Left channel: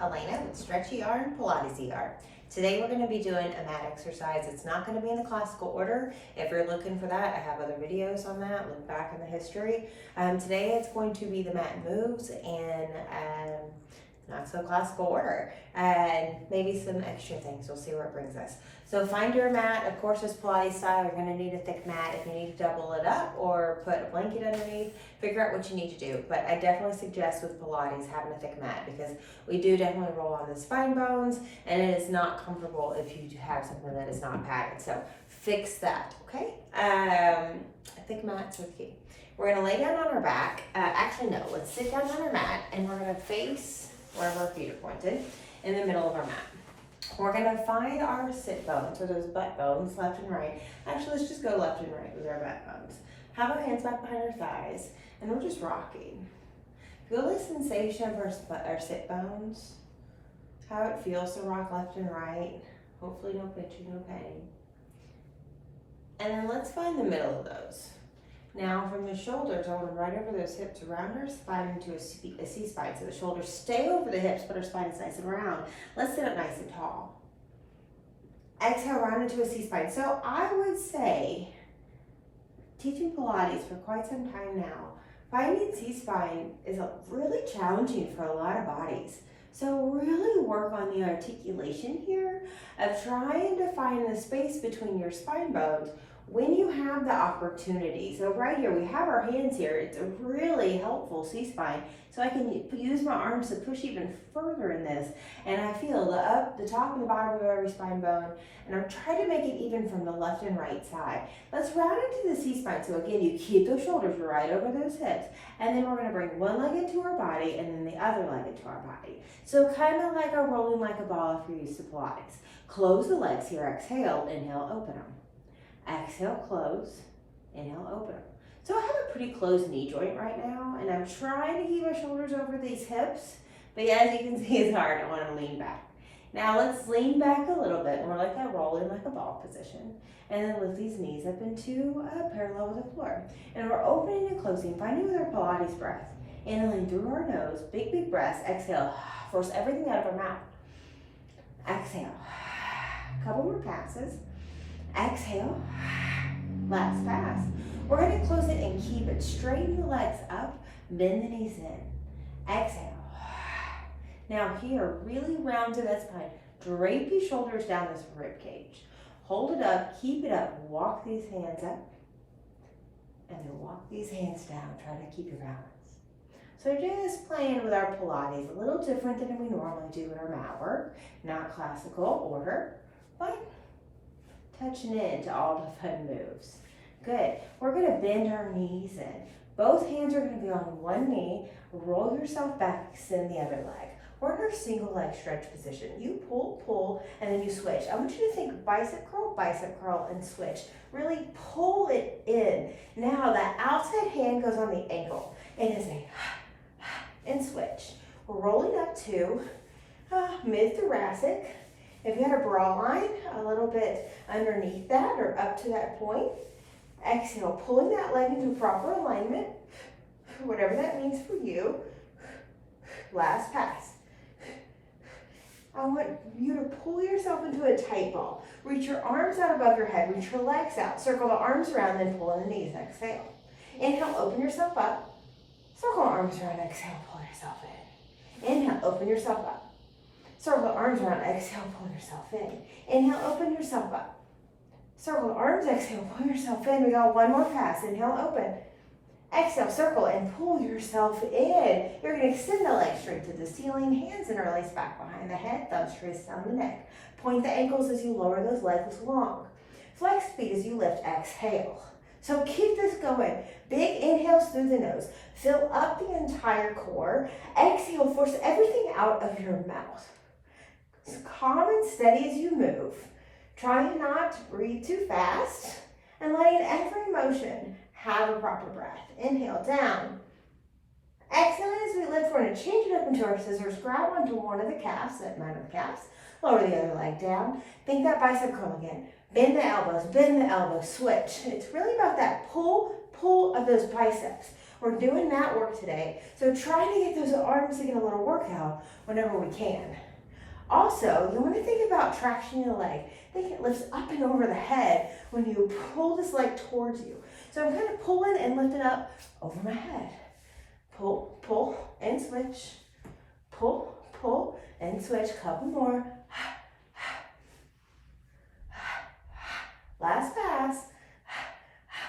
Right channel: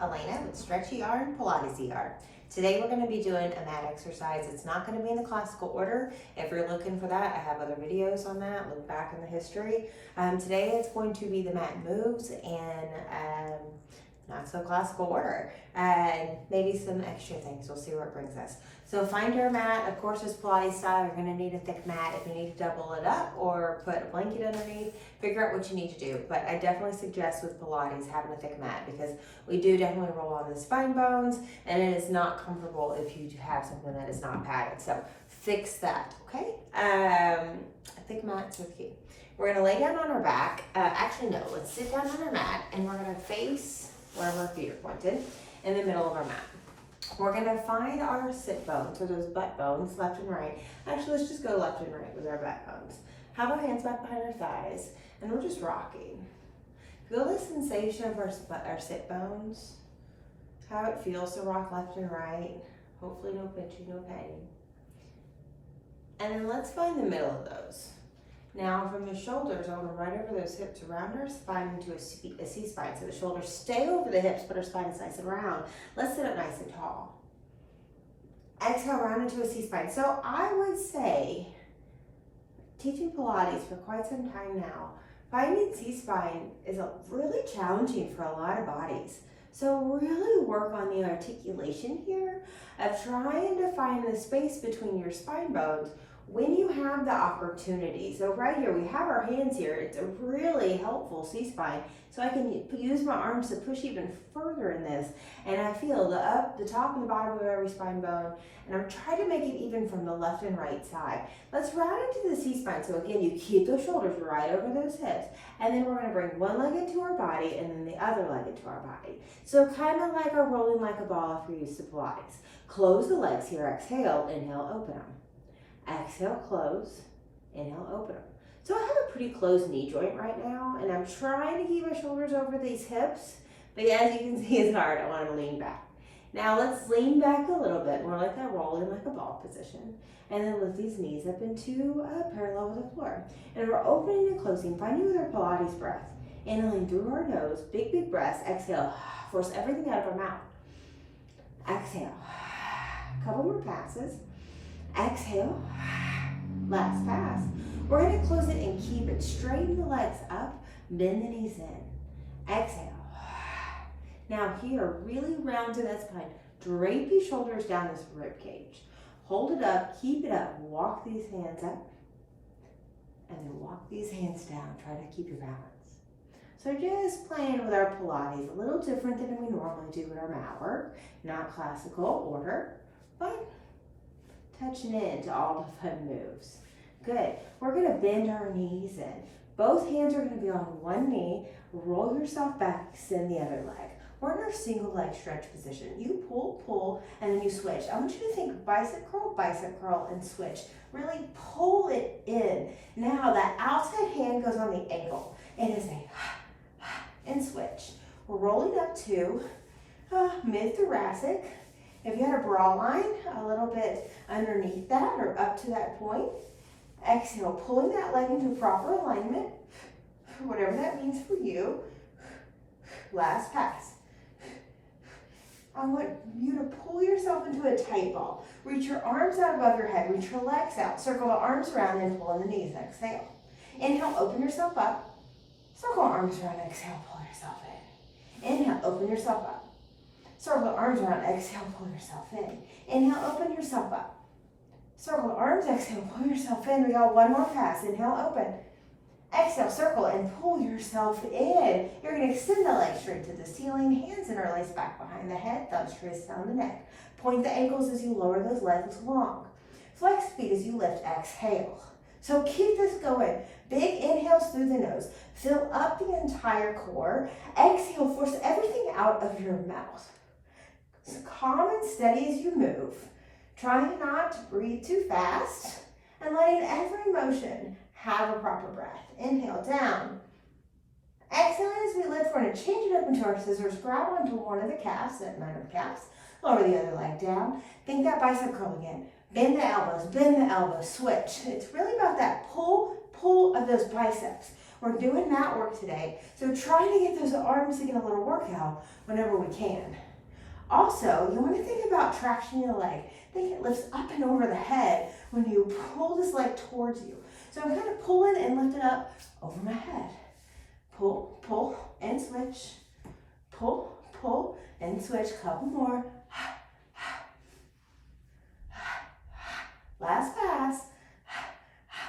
Elena with Stretchy R and Pilates R. Today we're going to be doing a mat exercise. It's not going to be in the classical order. If you're looking for that, I have other videos on that. Look back in the history. Today it's going to be the mat moves and not so classical order, and maybe some extra things. We'll see where it brings us. So find your mat. Of course, it's Pilates style. You're going to need a thick mat. If you need to double it up or put a blanket underneath, figure out what you need to do. But I definitely suggest with Pilates having a thick mat, because we do definitely roll on the spine bones, and it is not comfortable if you have something that is not padded. So fix that, okay? A thick mat's with you. We're going to lay down on our back. Actually, no, let's sit down on our mat, and we're going to face where our feet are pointed in the middle of our mat. We're going to find our sit bones, so those butt bones, left and right. Actually, let's just go left and right with our butt bones. Have our hands back behind our thighs, and we're just rocking. Feel the sensation of our sit bones, how it feels to rock left and right. Hopefully no pinching, no pain. And then let's find the middle of those. Now from the shoulders, I want to right over those hips, around our spine into a C-spine. So the shoulders stay over the hips, but our spine is nice and round. Let's sit up nice and tall. Exhale, round into a C-spine. So I would say, teaching Pilates for quite some time now, finding C-spine is really challenging for a lot of bodies. So really work on the articulation here of trying to find the space between your spine bones when you have the opportunity. So right here, we have our hands here. It's a really helpful C-spine. So I can use my arms to push even further in this. And I feel the top and the bottom of every spine bone. And I'm trying to make it even from the left and right side. Let's round into the C-spine. So again, you keep those shoulders right over those hips. And then we're gonna bring one leg into our body and then the other leg into our body. So kind of like a rolling like a ball if you're used to Pilates. Close the legs here, exhale, inhale, open them. Exhale, close, inhale, open them. So I have a pretty closed knee joint right now, and I'm trying to keep my shoulders over these hips, but as you can see, it's hard. I want to lean back. Now let's lean back a little bit, more like that rolling like a ball position, and then lift these knees up into parallel with the floor. And we're opening and closing, finding with our Pilates breath. Inhaling through our nose, big, big breaths. Exhale, force everything out of our mouth. Exhale, couple more passes. Exhale, last pass. We're going to close it and keep it. Straighten the legs up, bend the knees in. Exhale. Now here, really round to that spine. Drape your shoulders down this rib cage. Hold it up, keep it up. Walk these hands up, and then walk these hands down. Try to keep your balance. So just playing with our Pilates, a little different than we normally do with our mat work. Not classical order, but touching into all the fun moves. Good. We're going to bend our knees in. Both hands are going to be on one knee. Roll yourself back, extend the other leg. We're in our single leg stretch position. You pull, pull, and then you switch. I want you to think bicep curl, and switch. Really pull it in. Now that outside hand goes on the ankle. And it's a and switch. We're rolling up to mid-thoracic. If you had a bra line, a little bit underneath that or up to that point. Exhale, pulling that leg into proper alignment, whatever that means for you. Last pass. I want you to pull yourself into a tight ball. Reach your arms out above your head, reach your legs out. Circle the arms around, then pull in the knees. Exhale. Inhale, open yourself up. Circle the arms around, exhale, pull yourself in. Inhale, open yourself up. Circle the arms around, exhale, pull yourself in. Inhale, open yourself up. Circle the arms, exhale, pull yourself in. We got one more pass. Inhale, open. Exhale, circle and pull yourself in. You're going to extend the legs straight to the ceiling. Hands interlace back behind the head. Thumbs trace down the neck. Point the ankles as you lower those legs long. Flex feet as you lift. Exhale. So keep this going. Big inhales through the nose. Fill up the entire core. Exhale, force everything out of your mouth. So calm and steady as you move. Trying not to breathe too fast and letting every motion have a proper breath. Inhale, down. Exhale as we lift. We're going to change it up into our scissors. Grab onto one of the calves, that none of the calves. Lower the other leg down. Think that bicep curl again. Bend the elbows, switch. It's really about that pull of those biceps. We're doing mat work today, so trying to get those arms to get a little workout whenever we can. Also, you want to think about traction in the leg. Think it lifts up and over the head when you pull this leg towards you. So I'm kind of pulling and lifting up over my head. Pull, pull, and switch. Pull, pull, and switch. Couple more. Last pass.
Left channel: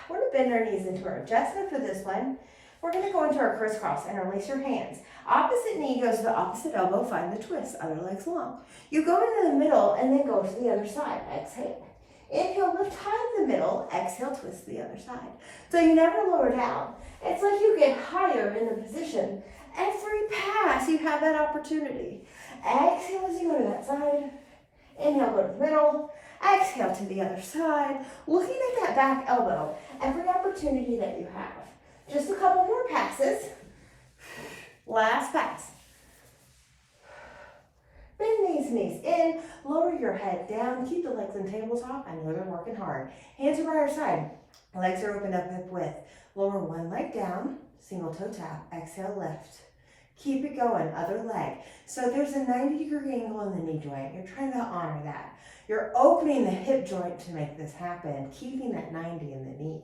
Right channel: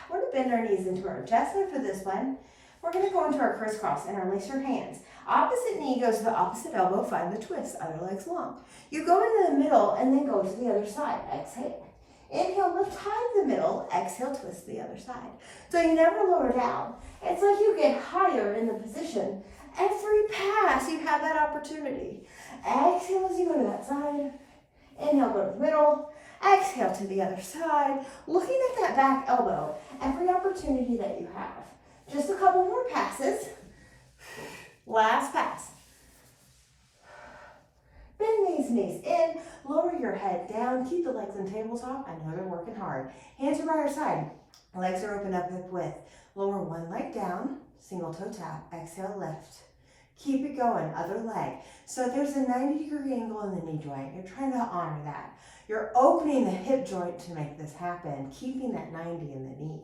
We're going to bend our knees into our adjustment for this one. We're going to go into our crisscross and release your hands. Opposite knee goes to the opposite elbow, find the twist, other leg's long. You go into the middle and then go to the other side, exhale. Inhale, lift high in the middle, exhale, twist to the other side. So you never lower down. It's like you get higher in the position. Every pass, you have that opportunity. Exhale as you go to that side. Inhale, go to the middle. Exhale to the other side. Looking at that back elbow, every opportunity that you have. Just a couple more passes. Last pass. Bend these knees in, lower your head down, keep the legs on tabletop. I know they're working hard. Hands are by your side. Legs are open up hip width. Lower one leg down, single toe tap, exhale, lift. Keep it going, other leg. So there's a 90-degree angle in the knee joint. You're trying to honor that. You're opening the hip joint to make this happen, keeping that 90 in the knee.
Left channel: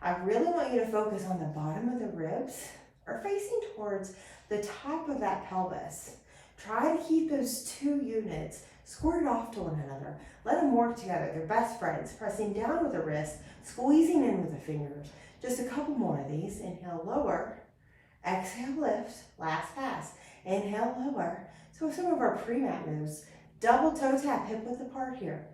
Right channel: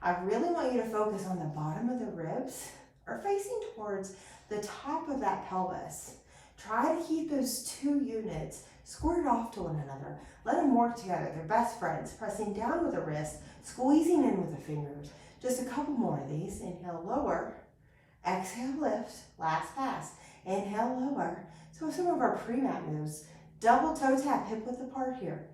I really want you to focus on the bottom of the ribs or facing towards the top of that pelvis. Try to keep those two units squared off to one another. Let them work together. They're best friends. Pressing down with the wrist, squeezing in with the fingers. Just a couple more of these. Inhale, lower. Exhale, lift. Last pass. Inhale, lower. So some of our pre-mat moves. Double toe tap, hip width apart here.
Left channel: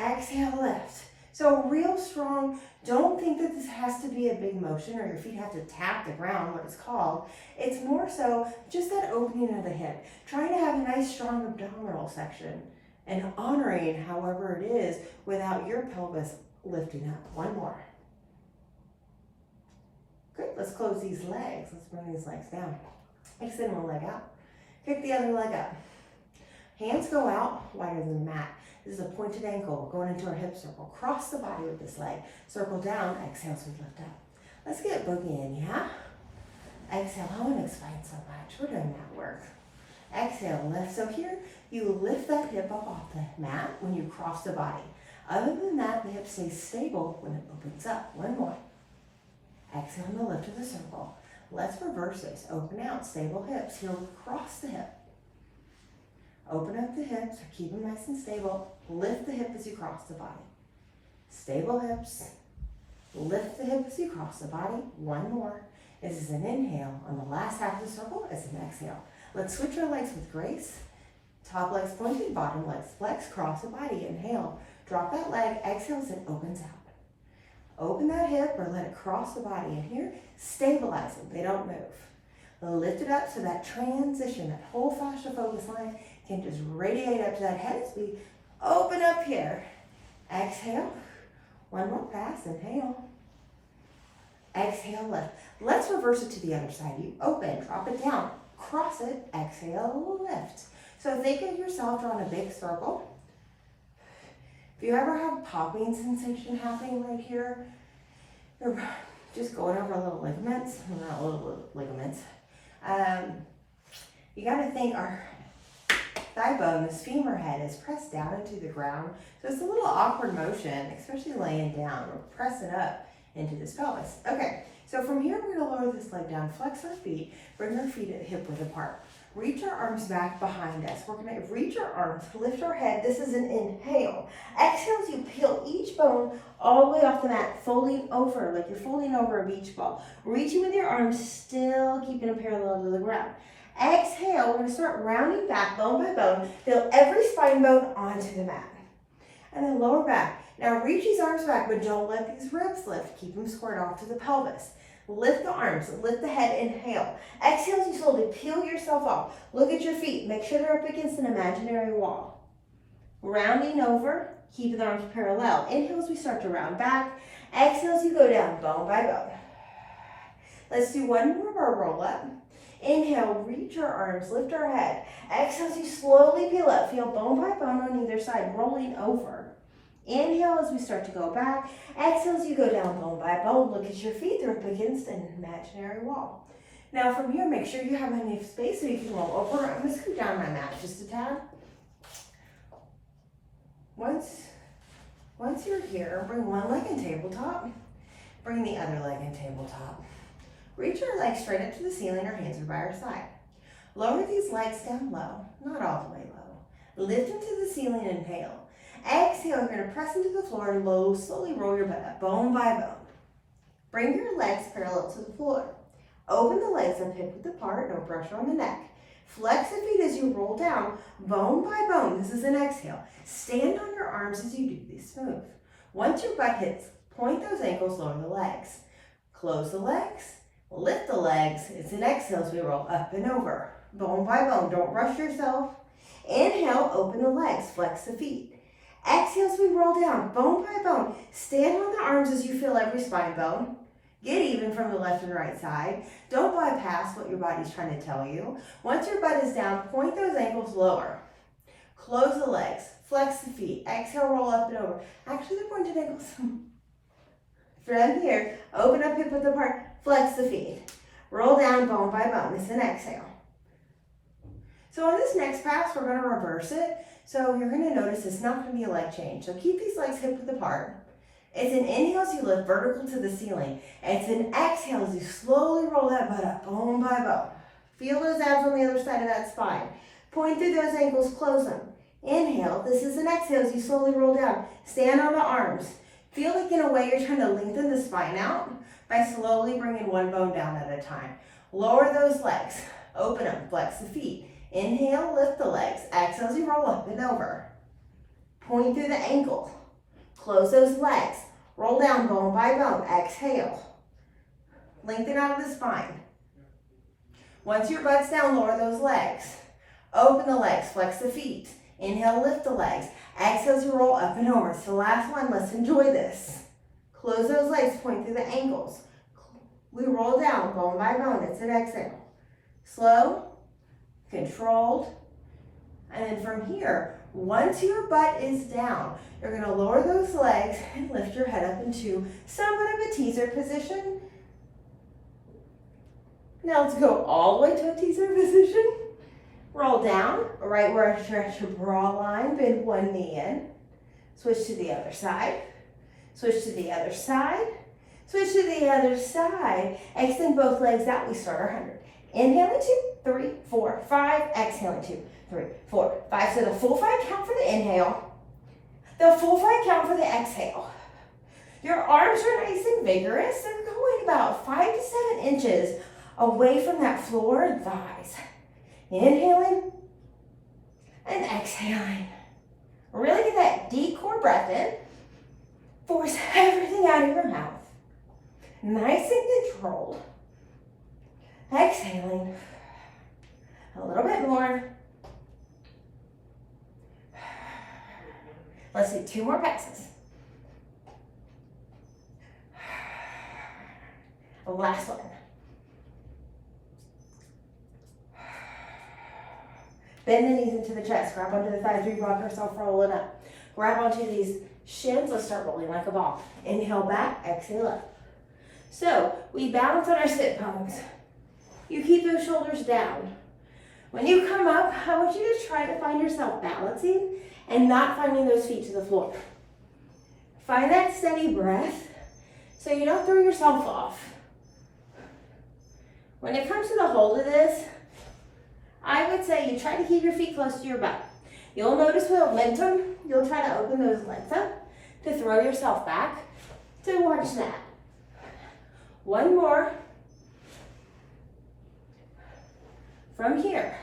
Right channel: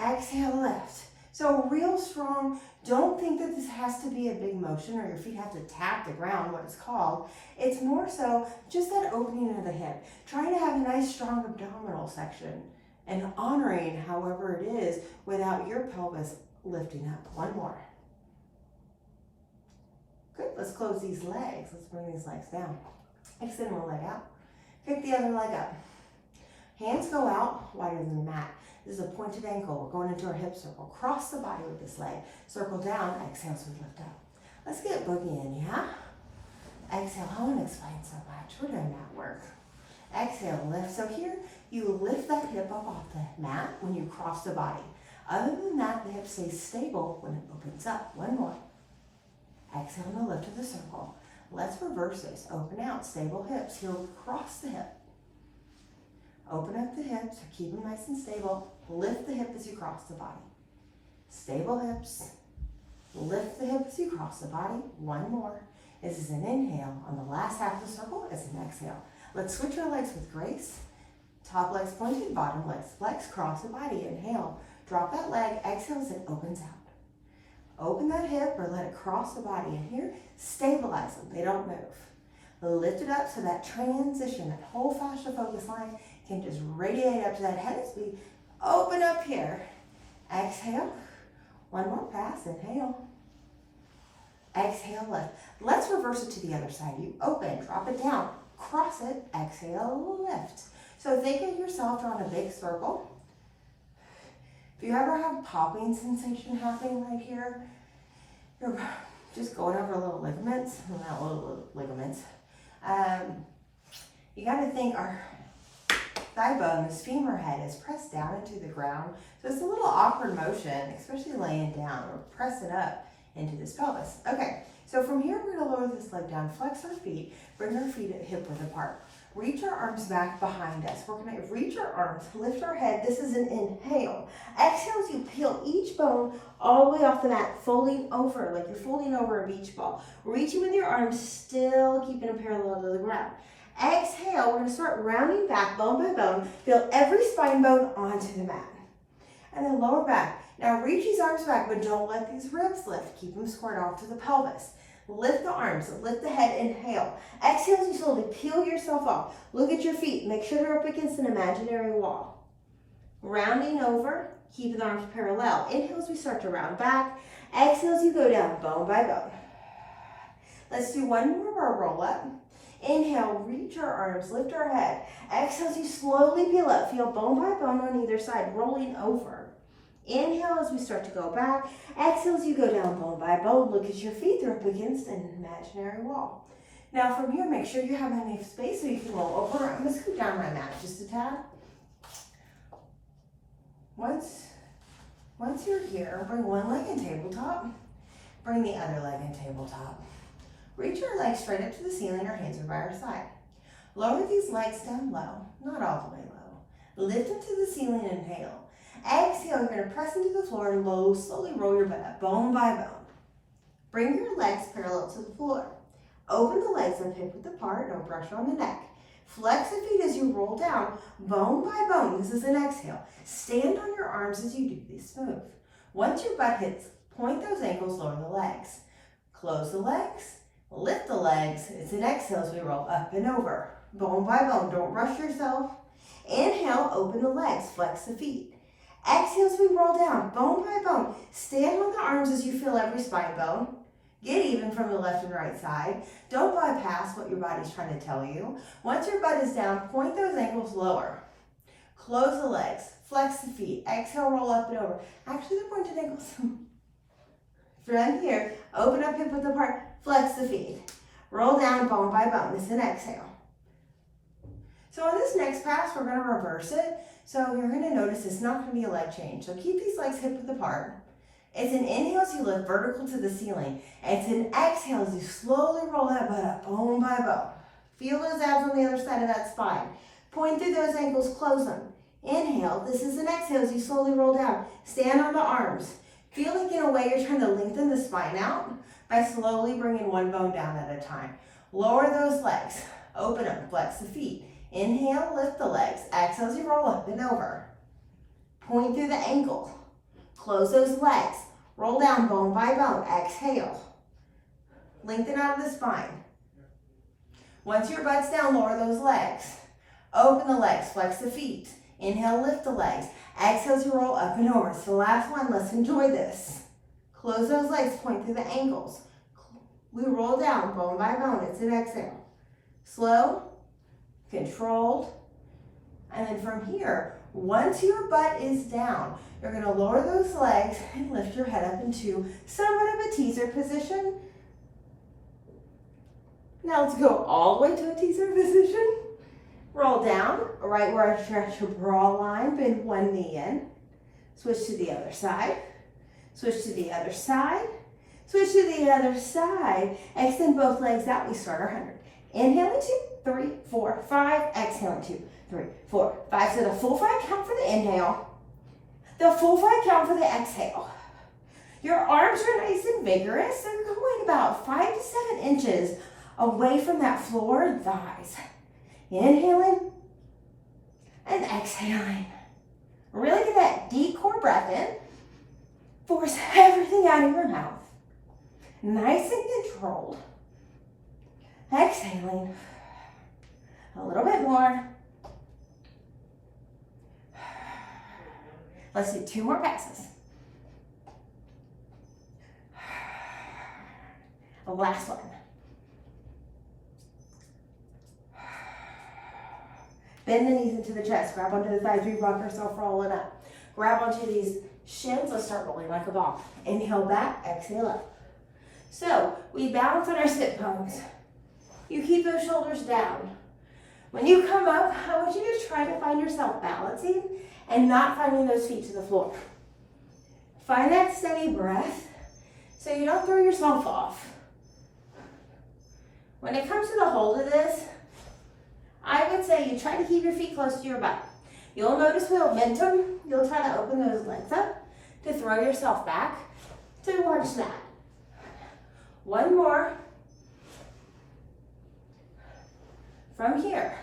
Exhale, lift. So real strong. Don't think that this has to be a big motion or your feet have to tap the ground, what it's called. It's more so just that opening of the hip. Trying to have a nice strong abdominal section and honoring however it is without your pelvis lifting up. One more. Good, let's close these legs. Let's bring these legs down. Extend one leg out. Kick the other leg up. Hands go out wider than the mat. This is a pointed ankle. We're going into our hip circle. Cross the body with this leg. Circle down, exhale as we lift up. Let's get boogie in, yeah? Exhale, I want to explain so much. We're doing mat work. Exhale, lift. So here, you lift that hip up off the mat when you cross the body. Other than that, the hip stays stable when it opens up. One more. Exhale, and lift to the circle. Let's reverse this. Open out, stable hips. Heel across the hip. Open up the hips, keep them nice and stable. Lift the hip as you cross the body. Stable hips. Lift the hip as you cross the body. One more. This is an inhale. On the last half of the circle is an exhale. Let's switch our legs with grace. Top legs pointed, bottom legs flex, cross the body. Inhale. Drop that leg. Exhale as it opens out. Open that hip or let it cross the body. In here, stabilize them. They don't move. Lift it up so that transition, that whole fascia focus line can just radiate up to that head as we open up here. Exhale. One more pass. Inhale. Exhale, lift. Let's reverse it to the other side. You open, drop it down, cross it, exhale, lift. So think of yourself drawing a big circle. If you ever have popping sensation happening right here, you're just going over little ligaments, well, not little ligaments. You gotta think our thigh bone, this femur head is pressed down into the ground. So it's a little awkward motion, especially laying down. We're pressing up into this pelvis. Okay, so from here, we're gonna lower this leg down, flex our feet, bring our feet at hip width apart. Reach our arms back behind us. We're gonna reach our arms, lift our head. This is an inhale. Exhale as you peel each bone all the way off the mat, folding over, like you're folding over a beach ball. Reaching with your arms, still keeping it parallel to the ground. Exhale, we're gonna start rounding back bone by bone, feel every spine bone onto the mat. And then lower back. Now reach these arms back, but don't let these ribs lift. Keep them squared off to the pelvis. Lift the arms, lift the head, inhale. Exhale as you slowly peel yourself off. Look at your feet, make sure they're up against an imaginary wall. Rounding over, keep the arms parallel. Inhale as we start to round back. Exhale as you go down bone by bone. Let's do one more of our roll up. Inhale, reach our arms, lift our head. Exhale as you slowly peel up. Feel bone by bone on either side, rolling over. Inhale as we start to go back. Exhale as you go down bone by bone. Look at your feet. They're up against an imaginary wall. Now from here, make sure you have enough space so you can roll over. I'm going to scoot down my mat just a tad. Once you're here, bring one leg in tabletop. Bring the other leg in tabletop. Reach your legs straight up to the ceiling. Our hands are by our side. Lower these legs down low, not all the way low. Lift them to the ceiling, inhale. Exhale, you're going to press into the floor and slowly roll your butt up, bone by bone. Bring your legs parallel to the floor. Open the legs up hip width apart, no pressure on the neck. Flex the feet as you roll down, bone by bone. This is an exhale. Stand on your arms as you do this smooth. Once your butt hits, point those ankles, lower the legs. Close the legs, lift the legs. It's an exhale as we roll up and over, bone by bone. Don't rush yourself. Inhale, open the legs, flex the feet. Exhale as we roll down, bone by bone. Stand on the arms as you feel every spine bone. Get even from the left and right side. Don't bypass what your body's trying to tell you. Once your butt is down, point those ankles lower. Close the legs, flex the feet. Exhale, roll up and over. Actually, the pointed ankles. From here, open up hip width apart, flex the feet. Roll down bone by bone. It's an exhale. So on this next pass, we're going to reverse it. So you're going to notice it's not going to be a leg change. So keep these legs hip width apart. It's an inhale as you lift vertical to the ceiling. It's an exhale as you slowly roll that butt up, bone by bone. Feel those abs on the other side of that spine. Point through those ankles, close them. Inhale. This is an exhale as you slowly roll down. Stand on the arms. Feel like in a way you're trying to lengthen the spine out by slowly bringing one bone down at a time. Lower those legs. Open them. Flex the feet. Inhale, lift the legs. Exhale as you roll up and over. Point through the ankle. Close those legs. Roll down bone by bone. Exhale. Lengthen out of the spine. Once your butt's down, lower those legs. Open the legs. Flex the feet. Inhale, lift the legs. Exhale as you roll up and over. It's the last one. Let's enjoy this. Close those legs. Point through the ankles. We roll down bone by bone. It's an exhale. Slow, controlled, and then from here, once your butt is down, you're going to lower those legs and lift your head up into somewhat of a teaser position. Now let's go all the way to a teaser position. Roll down, right where I stretch your bra line, bend one knee in. Switch to the other side. Switch to the other side. Switch to the other side. Extend both legs out. We start our 100. Inhale in 2, 3, 4, 5. Exhale in 2, 3, 4, 5. So the full 5 count for the inhale. The full 5 count for the exhale. Your arms are nice and vigorous. They're going about 5 to 7 inches away from that floor and thighs. Inhaling and exhaling. Really get that deep core breath in. Force everything out of your mouth. Nice and controlled. Exhaling. A little bit more. Let's do 2 more passes. The last one. Bend the knees into the chest. Grab onto the thighs. We rock ourselves rolling up. Grab onto these shins. Let's start rolling like a ball. Inhale back. Exhale up. So we balance on our sit bones. You keep those shoulders down. When you come up, I want you to try to find yourself balancing and not finding those feet to the floor. Find that steady breath so you don't throw yourself off. When it comes to the hold of this, I would say you try to keep your feet close to your butt. You'll notice with momentum, you'll try to open those legs up to throw yourself back towards that. One more. From here,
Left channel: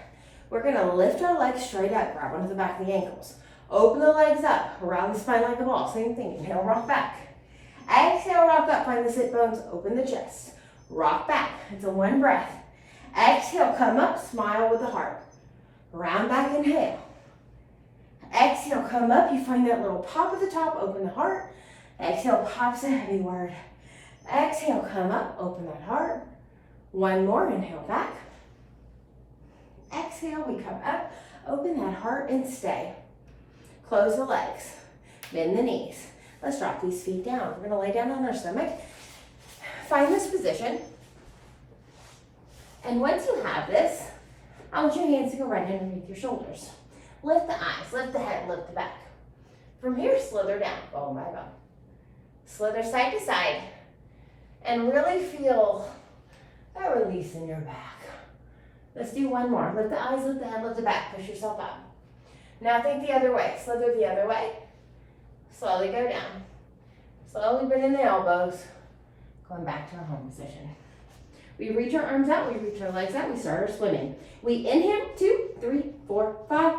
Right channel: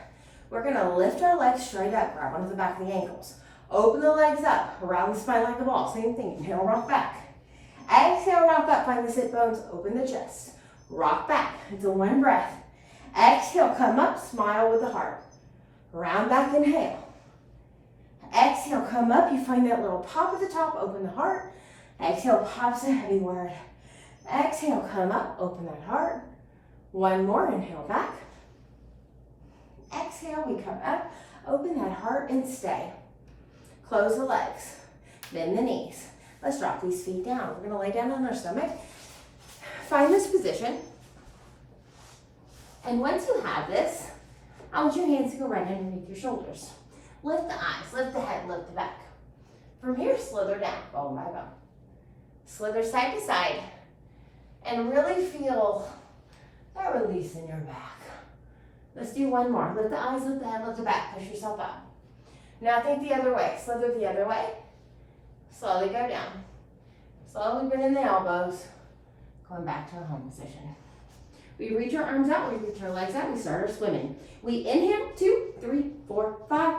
we're going to lift our legs straight up, grab onto the back of the ankles. Open the legs up, around the spine like a ball. Same thing, inhale, rock back. Exhale, rock up, find the sit bones, open the chest. Rock back, it's a 1 breath. Exhale, come up, smile with the heart. Round back, inhale. Exhale, come up, you find that little pop at the top, open the heart. Exhale, pops a heavy word. Exhale, come up, open that heart. 1 more, inhale back. Exhale, we come up, open that heart and stay. Close the legs. Bend the knees. Let's drop these feet down. We're gonna lay down on our stomach. Find this position. And once you have this, I want your hands to go right underneath your shoulders. Lift the eyes, lift the head, lift the back. From here, slither down, bone by bone. Slither side to side, and really feel that release in your back. Let's do one more. Lift the eyes, lift the head, lift the back, push yourself up. Now think the other way, slither the other way. Slowly go down. Slowly bend in the elbows, going back to our home position. We reach our arms out, we reach our legs out, we start our swimming. We inhale, 2, 3, 4, 5.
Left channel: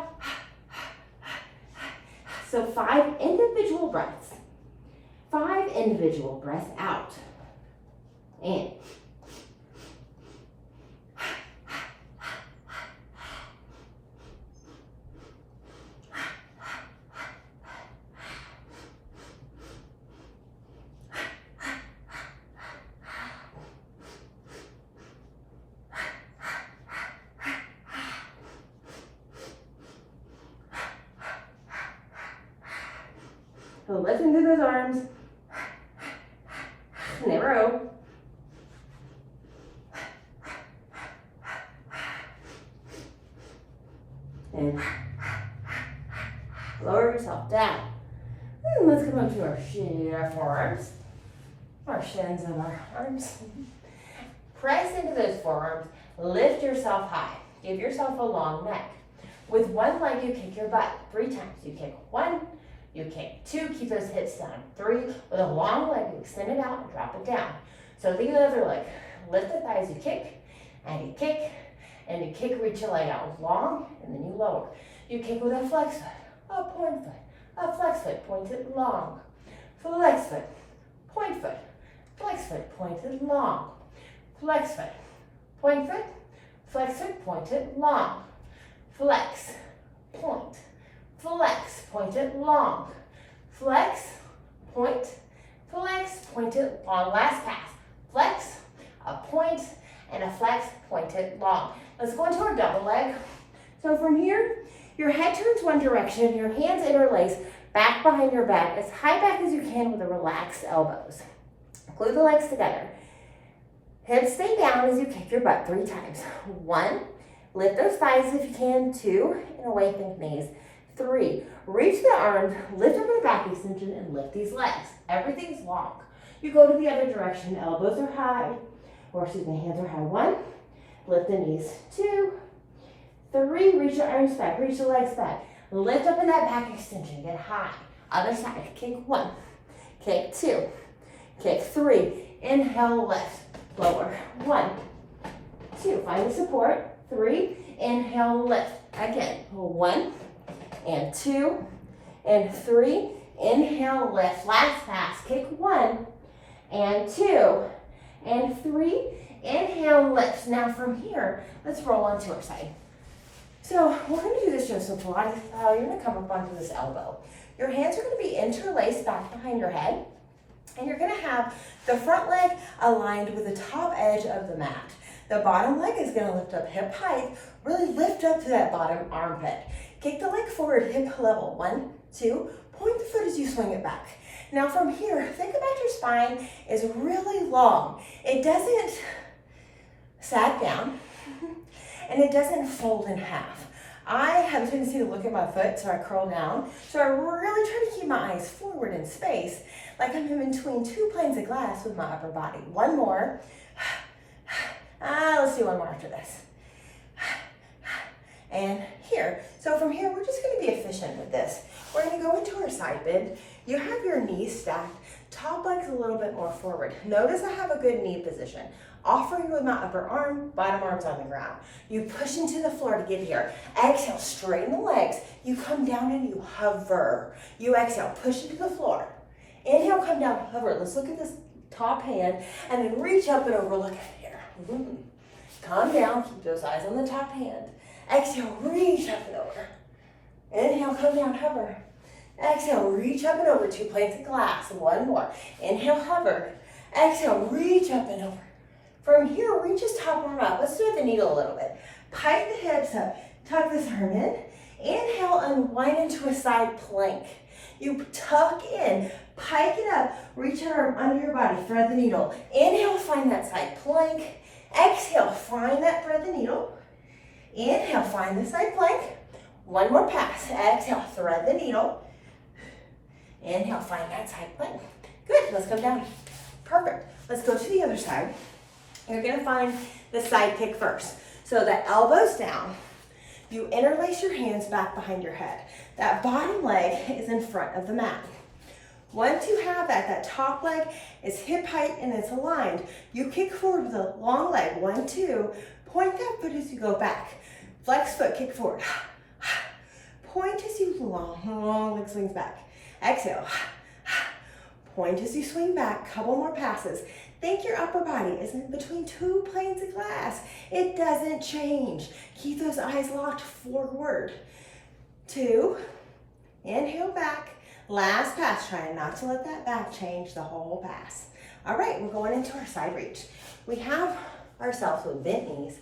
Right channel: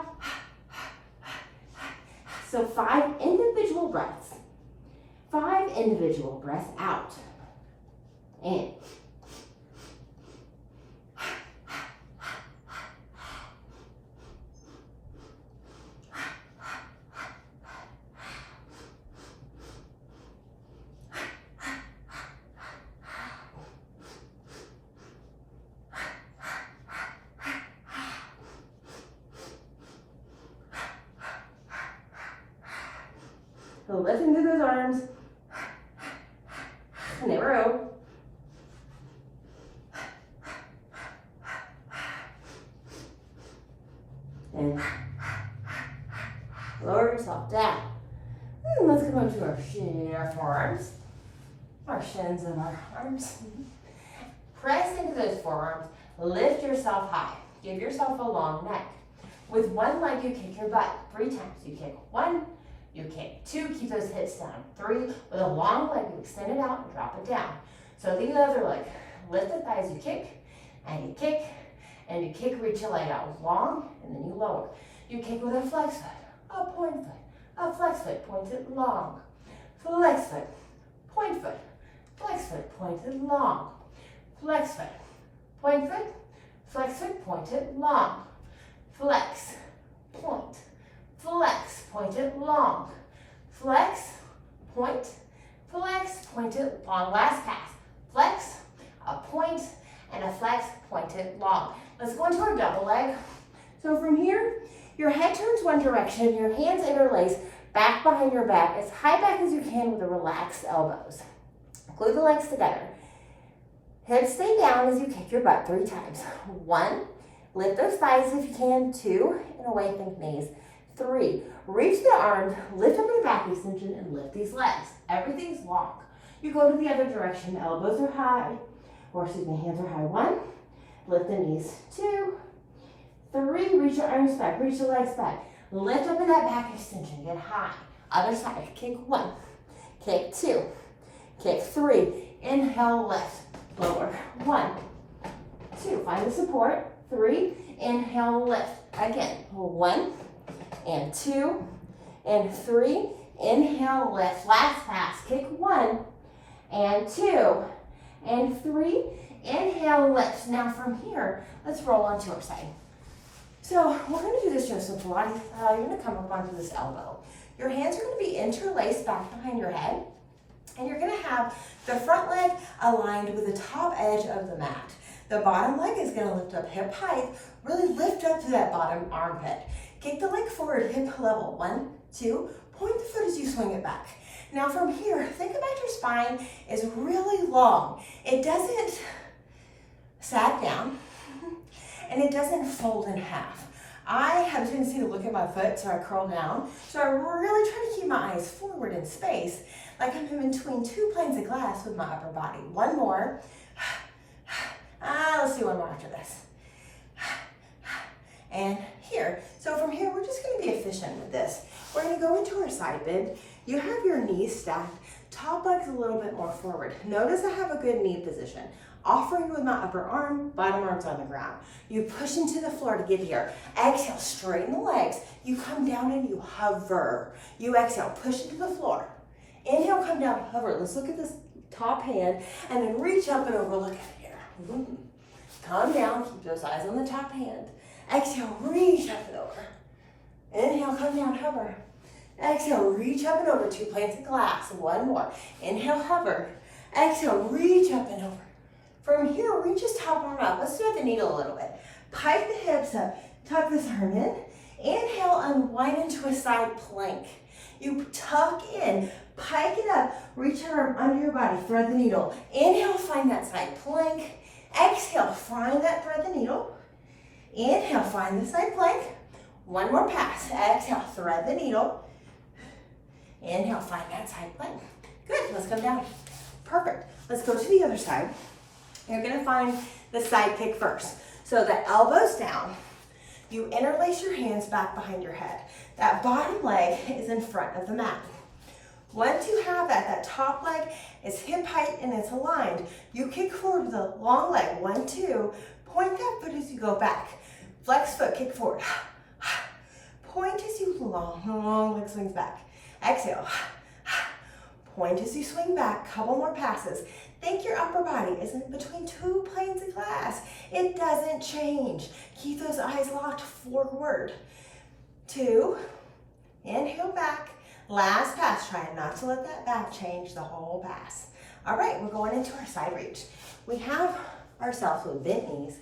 So 5 individual breaths. 5 individual breaths out. In. So listen to those arms. And they row. And lower yourself down. And let's come up to our forearms. Our shins and our arms. Press into those forearms. Lift yourself high. Give yourself a long neck. With one leg, you kick your butt 3 times. You kick 1, you kick 2, keep those hips down. 3, with a long leg, you extend it out and drop it down. So the other leg, lift the thighs, you kick, and you kick, and you kick, reach your leg out long, and then you lower. You kick with a flex foot, a point foot, a flex foot, pointed long. Flex foot, point foot, flex foot, pointed long. Flex foot, point foot, flex foot, pointed long. Flex, point, flex, pointed long. Flex, point, flex, pointed long. Last pass. Flex, a point, and a flex, pointed long. Let's go into our double leg. So from here, your head turns one direction, your hands interlace back behind your back, as high back as you can with the relaxed elbows. Glue the legs together. Hips stay down as you kick your butt 3 times. 1, lift those thighs if you can. 2, and away think knees. 3, reach the arms, lift up in the back extension, and lift these legs. Everything's long. You go to the other direction, elbows are high, or excuse me, hands are high. 1, lift the knees. 2, 3, reach your arms back, reach the legs back. Lift up in that back extension, get high. Other side, kick 1, kick 2, kick 3, inhale, lift, lower. 1, 2, find the support. 3, inhale, lift. Again, 1, and 2, and 3, inhale, lift. Last pass, kick 1, and 2, and 3, inhale, lift. Now from here, let's roll onto our side. So we're gonna do this just with Pilates style. You're gonna come up onto this elbow. Your hands are gonna be interlaced back behind your head, and you're gonna have the front leg aligned with the top edge of the mat. The bottom leg is gonna lift up hip height, really lift up to that bottom armpit. Kick the leg forward, hip level. 1, 2, point the foot as you swing it back. Now from here, think about your spine is really long. It doesn't sag down, and it doesn't fold in half. I have a tendency to look at my foot, so I curl down. So I really try to keep my eyes forward in space, like I'm in between 2 planes of glass with my upper body. 1 more. Let's do 1 more after this. And here. So from here, we're just gonna be efficient with this. We're gonna go into our side bend. You have your knees stacked, top leg's a little bit more forward. Notice I have a good knee position. Offering with my upper arm, bottom arm's on the ground. You push into the floor to get here. Exhale, straighten the legs. You come down and you hover. You exhale, push into the floor. Inhale, come down, hover. Let's look at this top hand, and then reach up and over, look at here. Come down, keep those eyes on the top hand. Exhale, reach up and over. Inhale, come down, hover. Exhale, reach up and over, 2 plates of glass. 1 more. Inhale, hover. Exhale, reach up and over. From here, reach this top arm up. Let's do it with the needle a little bit. Pike the hips up, tuck this arm in. Inhale, unwind into a side plank. You tuck in, pike it up, reach your arm under your body, thread the needle. Inhale, find that side plank. Exhale, find that thread the needle. Inhale, find the side plank. One more pass. Exhale, thread the needle. Inhale, find that side plank. Good, let's go down. Perfect. Let's go to the other side. You're gonna find the side kick first. So the elbows down. You interlace your hands back behind your head. That bottom leg is in front of the mat. Once you have that, that top leg is hip height and it's aligned. You kick forward with a long leg. 1, 2. Point that foot as you go back. Flex foot, kick forward. Point as you long leg swings back. Exhale. Point as you swing back. Couple more passes. Think your upper body is in between 2 planes of glass. It doesn't change. Keep those eyes locked forward. 2. Inhale back. Last pass. Try not to let that back change the whole pass. All right, we're going into our side reach. We have ourselves with bent knees.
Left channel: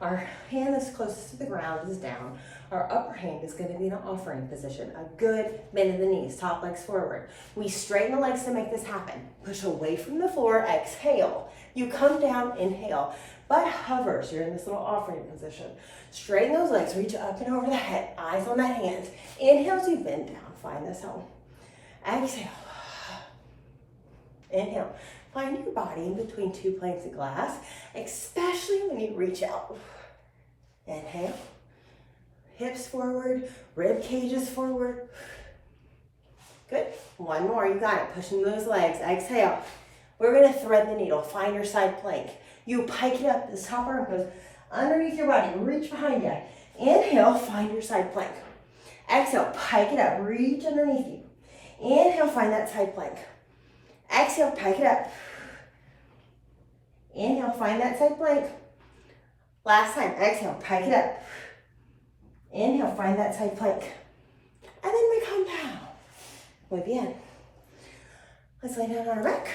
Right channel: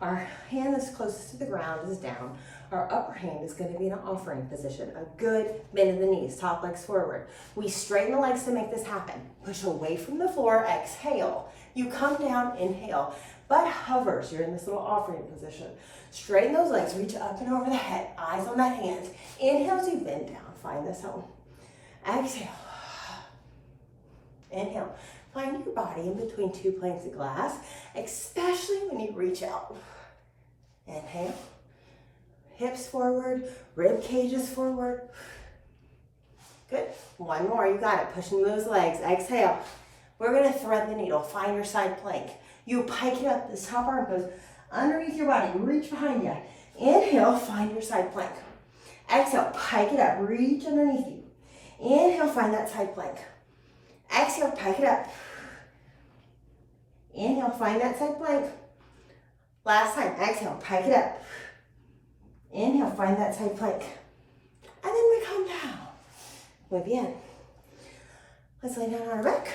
Our hand that's closest to the ground is down. Our upper hand is going to be in an offering position. A good bend of the knees, top legs forward. We straighten the legs to make this happen. Push away from the floor, exhale. You come down, inhale. Butt hovers, you're in this little offering position. Straighten those legs, reach up and over the head, eyes on that hand. Inhale as you bend down, find this home. Exhale. Inhale. Find your body in between 2 planes of glass, especially when you reach out. Inhale. Hips forward, rib cages forward. Good. One more, you got it. Pushing those legs. Exhale. We're gonna thread the needle. Find your side plank. You pike it up. This top arm goes underneath your body. Reach behind you. Inhale, find your side plank. Exhale, pike it up. Reach underneath you. Inhale, find that side plank. Exhale, pike it up. Inhale, find that side plank. Last time, exhale, pike it up. Inhale, find that side plank. And then we come down. Muy bien. Let's lay down on our back.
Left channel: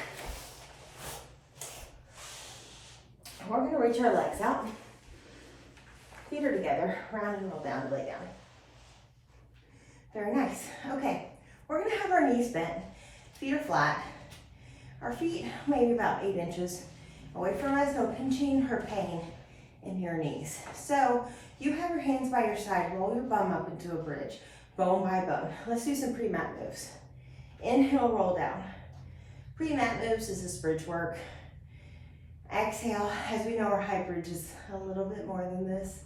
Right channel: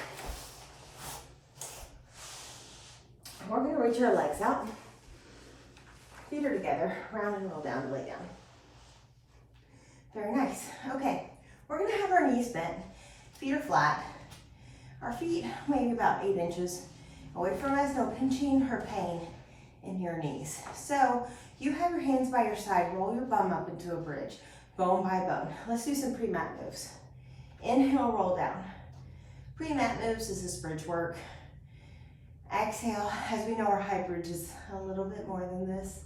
We're gonna reach our legs out. Feet are together, round and roll down to lay down. Very nice. Okay, we're gonna have our knees bent. Feet are flat. Our feet maybe about 8 inches away from us, no pinching or pain in your knees. So you have your hands by your side, roll your bum up into a bridge, bone by bone. Let's do some pre-mat moves. Inhale, roll down. Pre-mat moves is this bridge work. Exhale, as we know our high bridge is a little bit more than this,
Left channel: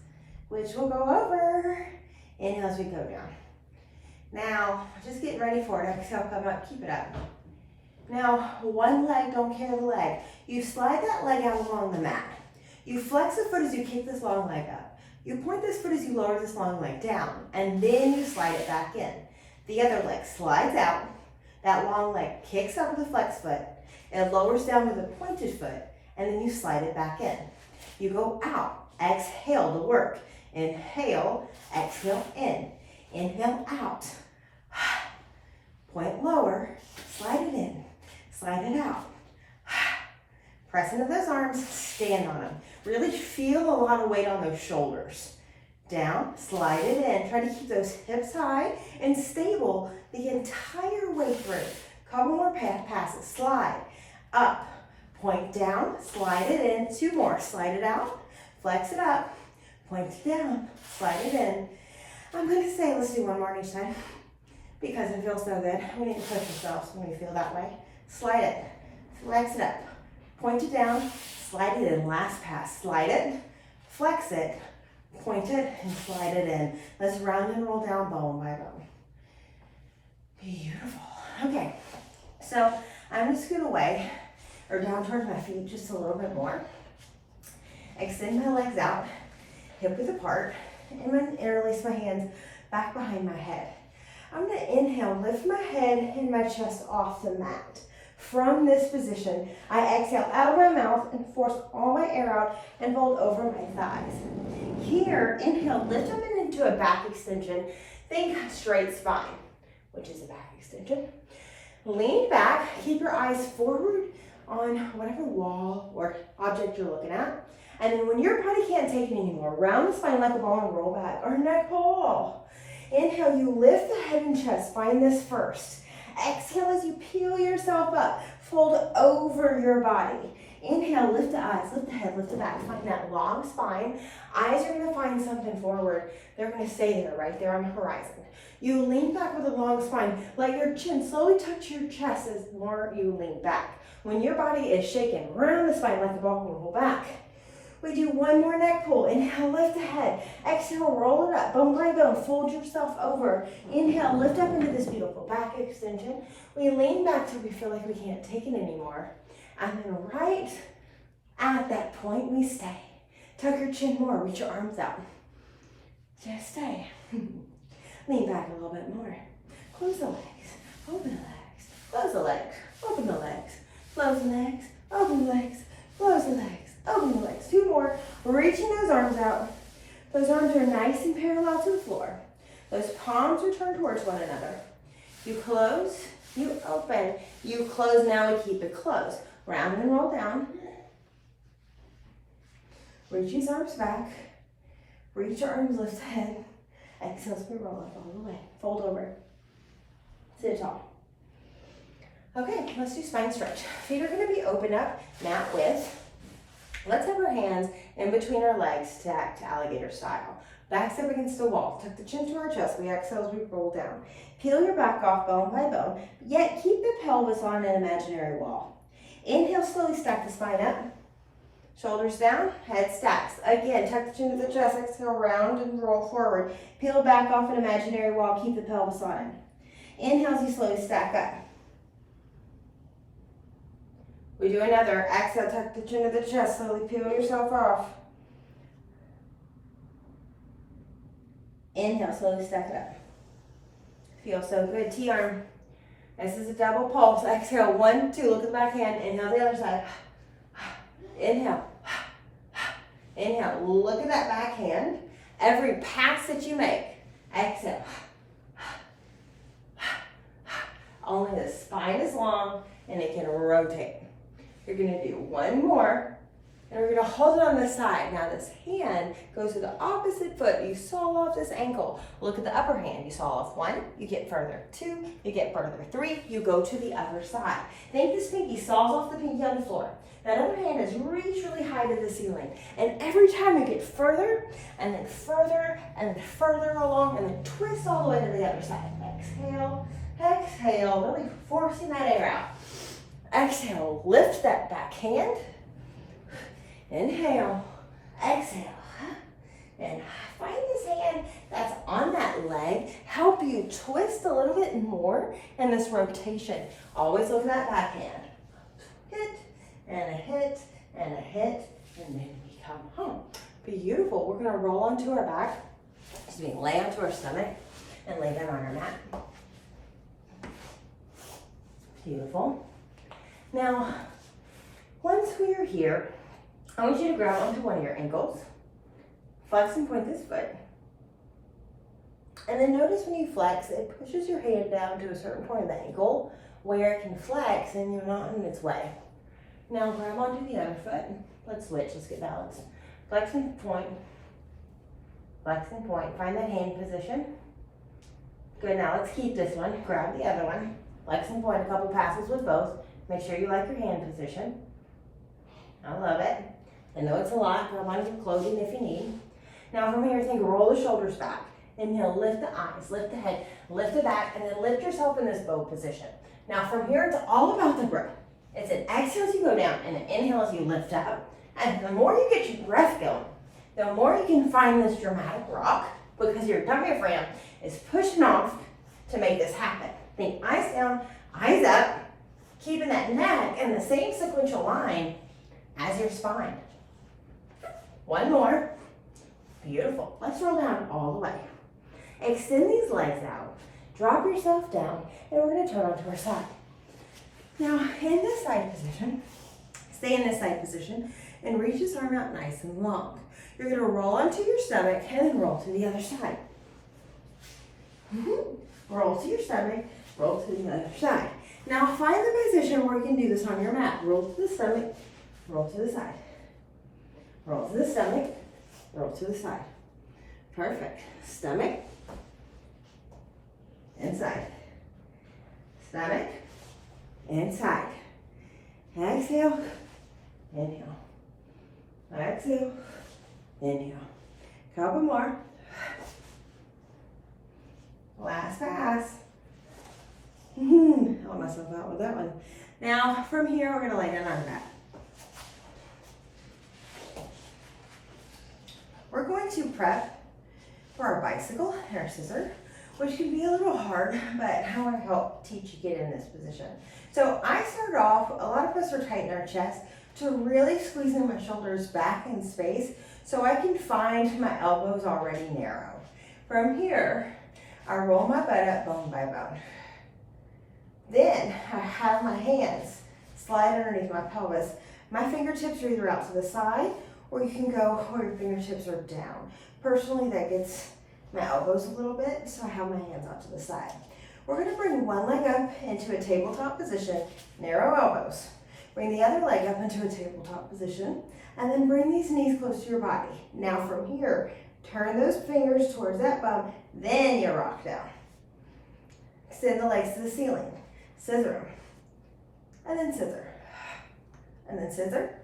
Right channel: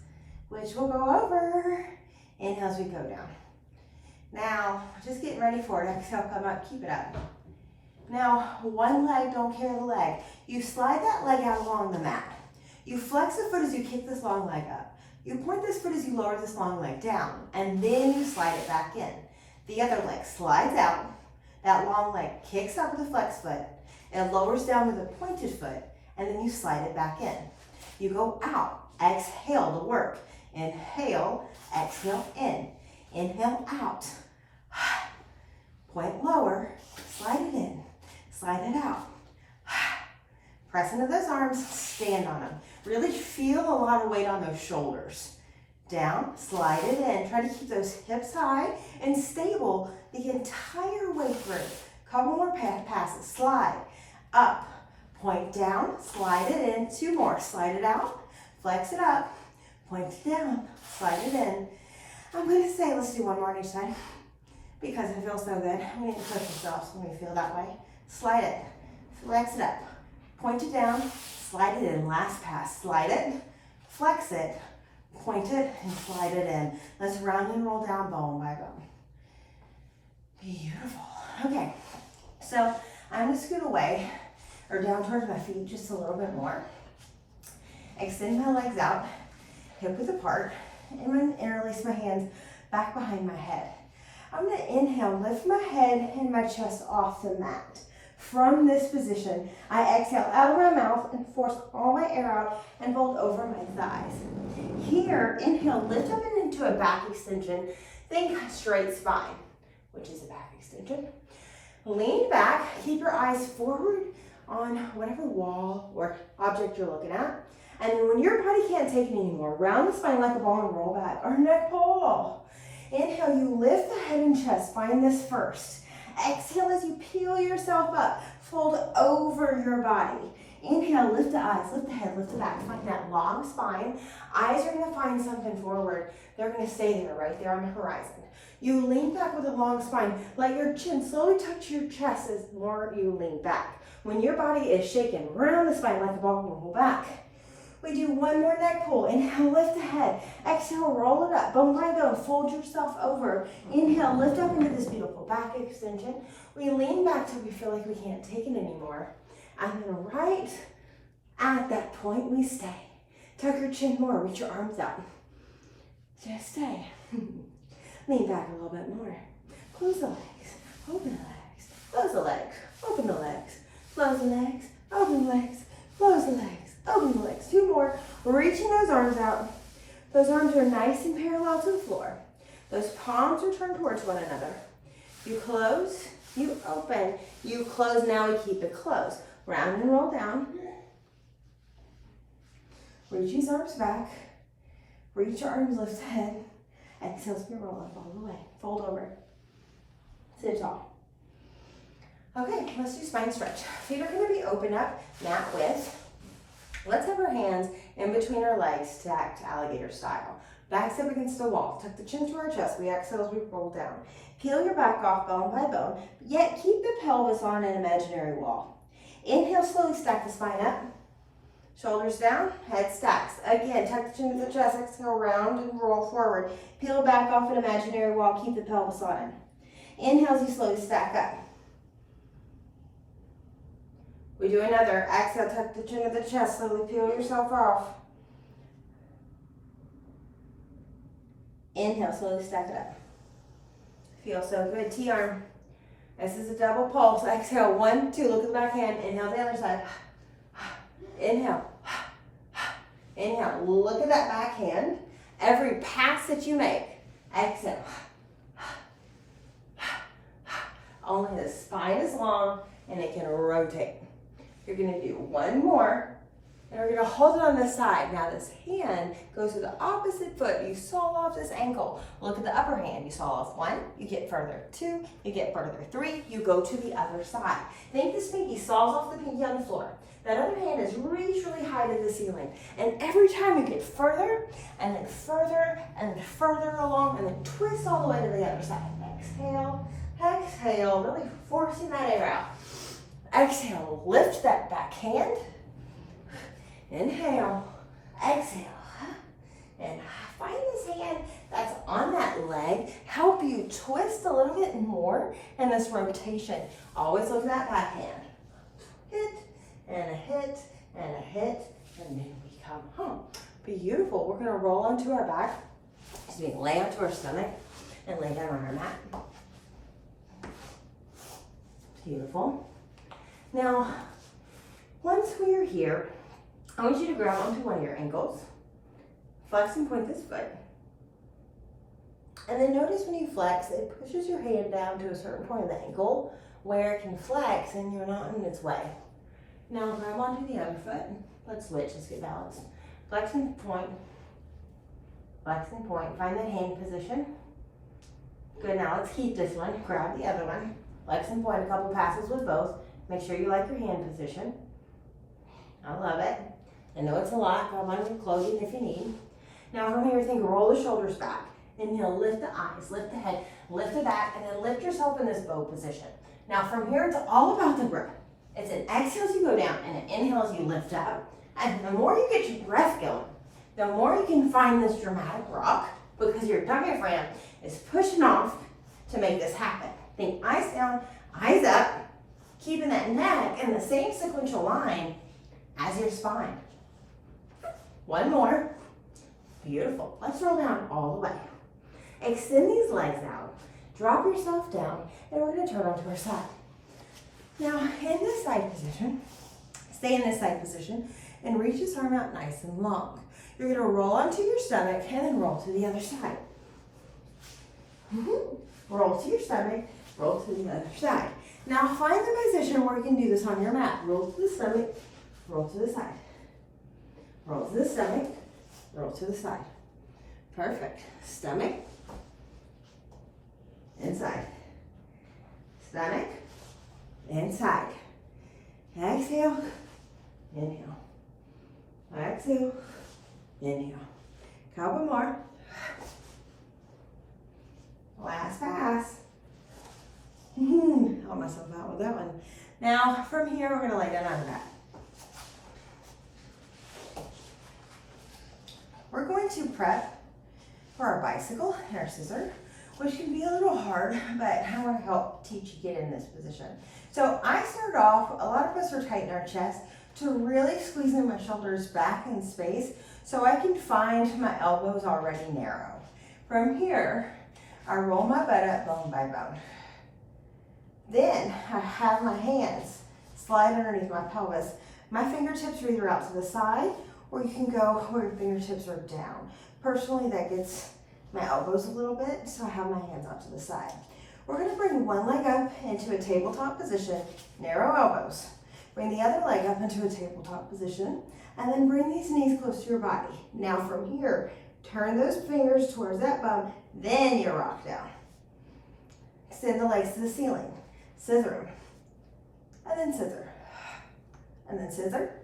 which we'll go over. Inhale as we go down. Now, just getting ready for it. Exhale, come up, keep it up. Now, one leg, don't carry the leg. You slide that leg out along the mat. You flex the foot as you kick this long leg up. You point this foot as you lower this long leg down, and then you slide it back in. The other leg slides out. That long leg kicks up with the flex foot. It lowers down with a pointed foot, and then you slide it back in. You go out, exhale to work. Inhale, exhale in. Inhale out. Point lower, slide it in, slide it out. Press into those arms, stand on them. Really feel a lot of weight on those shoulders. Down, slide it in. Try to keep those hips high and stable the entire way through. Couple more passes. Slide, up, point down, slide it in. 2 more, slide it out, flex it up, point it down, slide it in. I'm gonna say let's do 1 more on each side because it feels so good. We need to push ourselves when we feel that way. Slide it, flex it up, point it down, slide it in. Last pass, slide it, flex it, point it, and slide it in. Let's round and roll down bone by bone. Beautiful. Okay, so I'm gonna scoot away or down towards my feet just a little bit more. Extend my legs out, hip width apart. I'm gonna interlace my hands back behind my head. I'm gonna inhale, lift my head and my chest off the mat. From this position, I exhale out of my mouth and force all my air out and fold over my thighs. Here, inhale, lift them into a back extension. Think straight spine, which is a back extension. Lean back, keep your eyes forward on whatever wall or object you're looking at. And then when your body can't take it anymore, round the spine like a ball and roll back, or neck pull. Inhale, you lift the head and chest. Find this first. Exhale as you peel yourself up. Fold over your body. Inhale, lift the eyes, lift the head, lift the back. Find that long spine. Eyes are gonna find something forward. They're gonna stay there, right there on the horizon. You lean back with a long spine. Let your chin slowly touch your chest as more you lean back. When your body is shaking, round the spine like a ball and roll back. We do one more neck pull. Inhale, lift the head. Exhale, roll it up. Bone by bone, fold yourself over. Inhale, lift up into this beautiful back extension. We lean back till we feel like we can't take it anymore. And then right at that point, we stay. Tuck your chin more, reach your arms out. Just stay. Lean back a little bit more. Close the legs, open the legs, close the legs, open the legs, close the legs, open the legs, close the legs, open the legs. Two more. Reaching those arms out. Those arms are nice and parallel to the floor. Those palms are turned towards one another. You close, you open, you close. Now we keep it closed. Round and roll down. Reach these arms back. Reach your arms, lift the head. Exhale as we roll up all the way. Fold over. Sit tall. Okay, let's do spine stretch. Feet are going to be open up, mat width. Let's have our hands in between our legs, stacked alligator style. Backs up against the wall. Tuck the chin to our chest. We exhale as we roll down. Peel your back off bone by bone, yet keep the pelvis on an imaginary wall. Inhale, slowly stack the spine up. Shoulders down, head stacks. Again, tuck the chin to the chest. Exhale, round and roll forward. Peel back off an imaginary wall. Keep the pelvis on it. Inhale as you slowly stack up. We do another. Exhale, tuck the chin to the chest. Slowly peel yourself off. Inhale, slowly stack it up. Feels so good. T-arm. This is a double pulse. Exhale, 1, 2. Look at the back hand. Inhale the other side. Inhale. Inhale. Look at that back hand. Every pass that you make. Exhale. Only the spine is long and it can rotate. You're going to do one more, and we're going to hold it on this side. Now this hand goes to the opposite foot. You saw off this ankle. Look at the upper hand. You saw off 1, you get further 2, you get further 3, you go to the other side. Think this pinky saws off the pinky on the floor. That other hand is reached really high to the ceiling. And every time you get further, and then further, and then further along, and then twist all the way to the other side. Exhale, exhale, really forcing that air out. Exhale, lift that back hand. Inhale, exhale, and find this hand that's on that leg. Help you twist a little bit more in this rotation. Always look at that back hand. Hit, and a hit, and a hit, and then we come home. Beautiful. We're gonna roll onto our back. Lay onto our stomach and lay down on our mat. Beautiful. Now, once we are here, I want you to grab onto one of your ankles, flex and point this foot, and then notice when you flex, it pushes your hand down to a certain point of the ankle where it can flex and you're not in its way. Now grab onto the other foot. Let's switch, let's get balanced. Flex and point, find that hand position. Good, now let's keep this one, grab the other one, flex and point a couple passes with both. Make sure you like your hand position. I love it. I know it's a lot, grab on your clothing if you need. Now from here, think roll the shoulders back. Inhale, lift the eyes, lift the head, lift the back, and then lift yourself in this bow position. Now from here, it's all about the breath. It's an exhale as you go down and an inhale as you lift up. And the more you get your breath going, the more you can find this dramatic rock because your diaphragm is pushing off to make this happen. Think eyes down, eyes up, keeping that neck in the same sequential line as your spine. One more. Beautiful. Let's roll down all the way. Extend these legs out. Drop yourself down, and we're going to turn onto our side. Now, in this side position, stay in this side position, and reach this arm out nice and long. You're going to roll onto your stomach, and then roll to the other side. Roll to your stomach, roll to the other side. Now find the position where you can do this on your mat. Roll to the stomach, roll to the side. Roll to the stomach, roll to the side. Perfect. Stomach, inside. Stomach, inside. Exhale, inhale. Exhale, inhale. Couple more. Last pass. Help myself out with that one. Now, from here, we're gonna lay down on that. We're going to prep for our bicycle and our scissor, which can be a little hard, but I want to help teach you get in this position. So I started off, a lot of us are tight in our chest, to really squeezing my shoulders back in space so I can find my elbows already narrow. From here, I roll my butt up bone by bone. Then I have my hands slide underneath my pelvis. My fingertips are either out to the side or you can go where your fingertips are down. Personally, that gets my elbows a little bit, so I have my hands out to the side. We're gonna bring one leg up into a tabletop position, narrow elbows. Bring the other leg up into a tabletop position, and then bring these knees close to your body. Now from here, turn those fingers towards that bum, then you rock down. Extend the legs to the ceiling. Scissor them, and then scissor, and then scissor,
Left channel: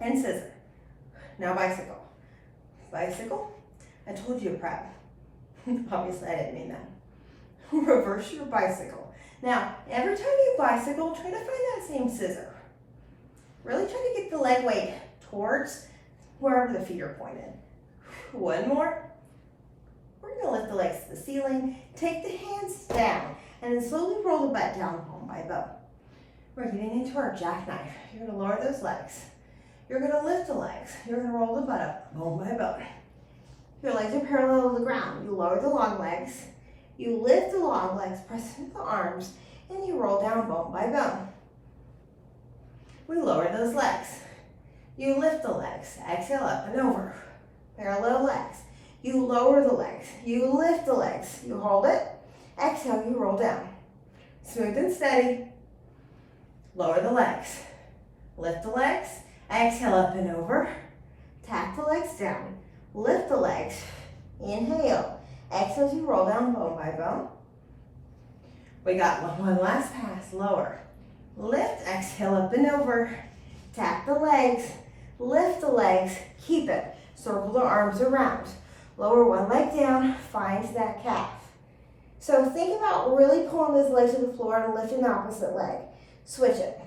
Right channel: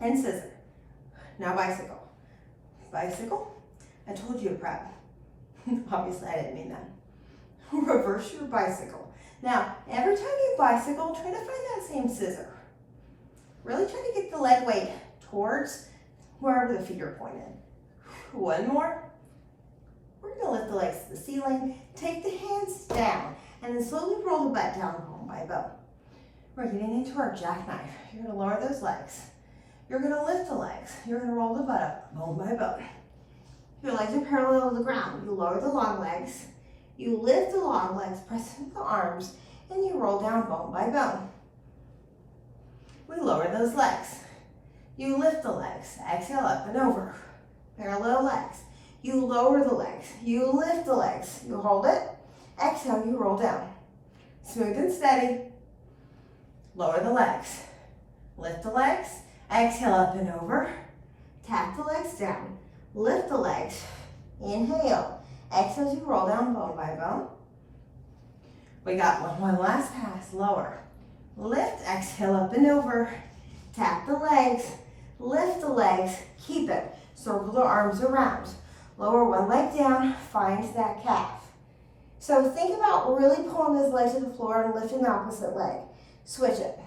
and scissor. Now bicycle. Bicycle. I told you to prep. Obviously, I didn't mean that. Reverse your bicycle. Now, every time you bicycle, try to find that same scissor. Really try to get the leg weight towards wherever the feet are pointed. One more. We're going to lift the legs to the ceiling, take the hands down, and then slowly roll the butt down bone by bone. We're getting into our jackknife. You're going to lower those legs. You're going to lift the legs. You're going to roll the butt up bone by bone. Your legs are parallel to the ground. You lower the long legs. You lift the long legs, press into the arms, and you roll down bone by bone. We lower those legs. You lift the legs. Exhale up and over. Parallel legs. You lower the legs. You lift the legs. You hold it. Exhale, you roll down. Smooth and steady. Lower the legs. Lift the legs. Exhale up and over. Tap the legs down. Lift the legs. Inhale. Exhale as you roll down bone by bone. We got one last pass. Lower. Lift. Exhale up and over. Tap the legs. Lift the legs. Keep it. Circle the arms around. Lower one leg down. Find that calf. So think about really pulling this leg to the floor and lifting the opposite leg. Switch it.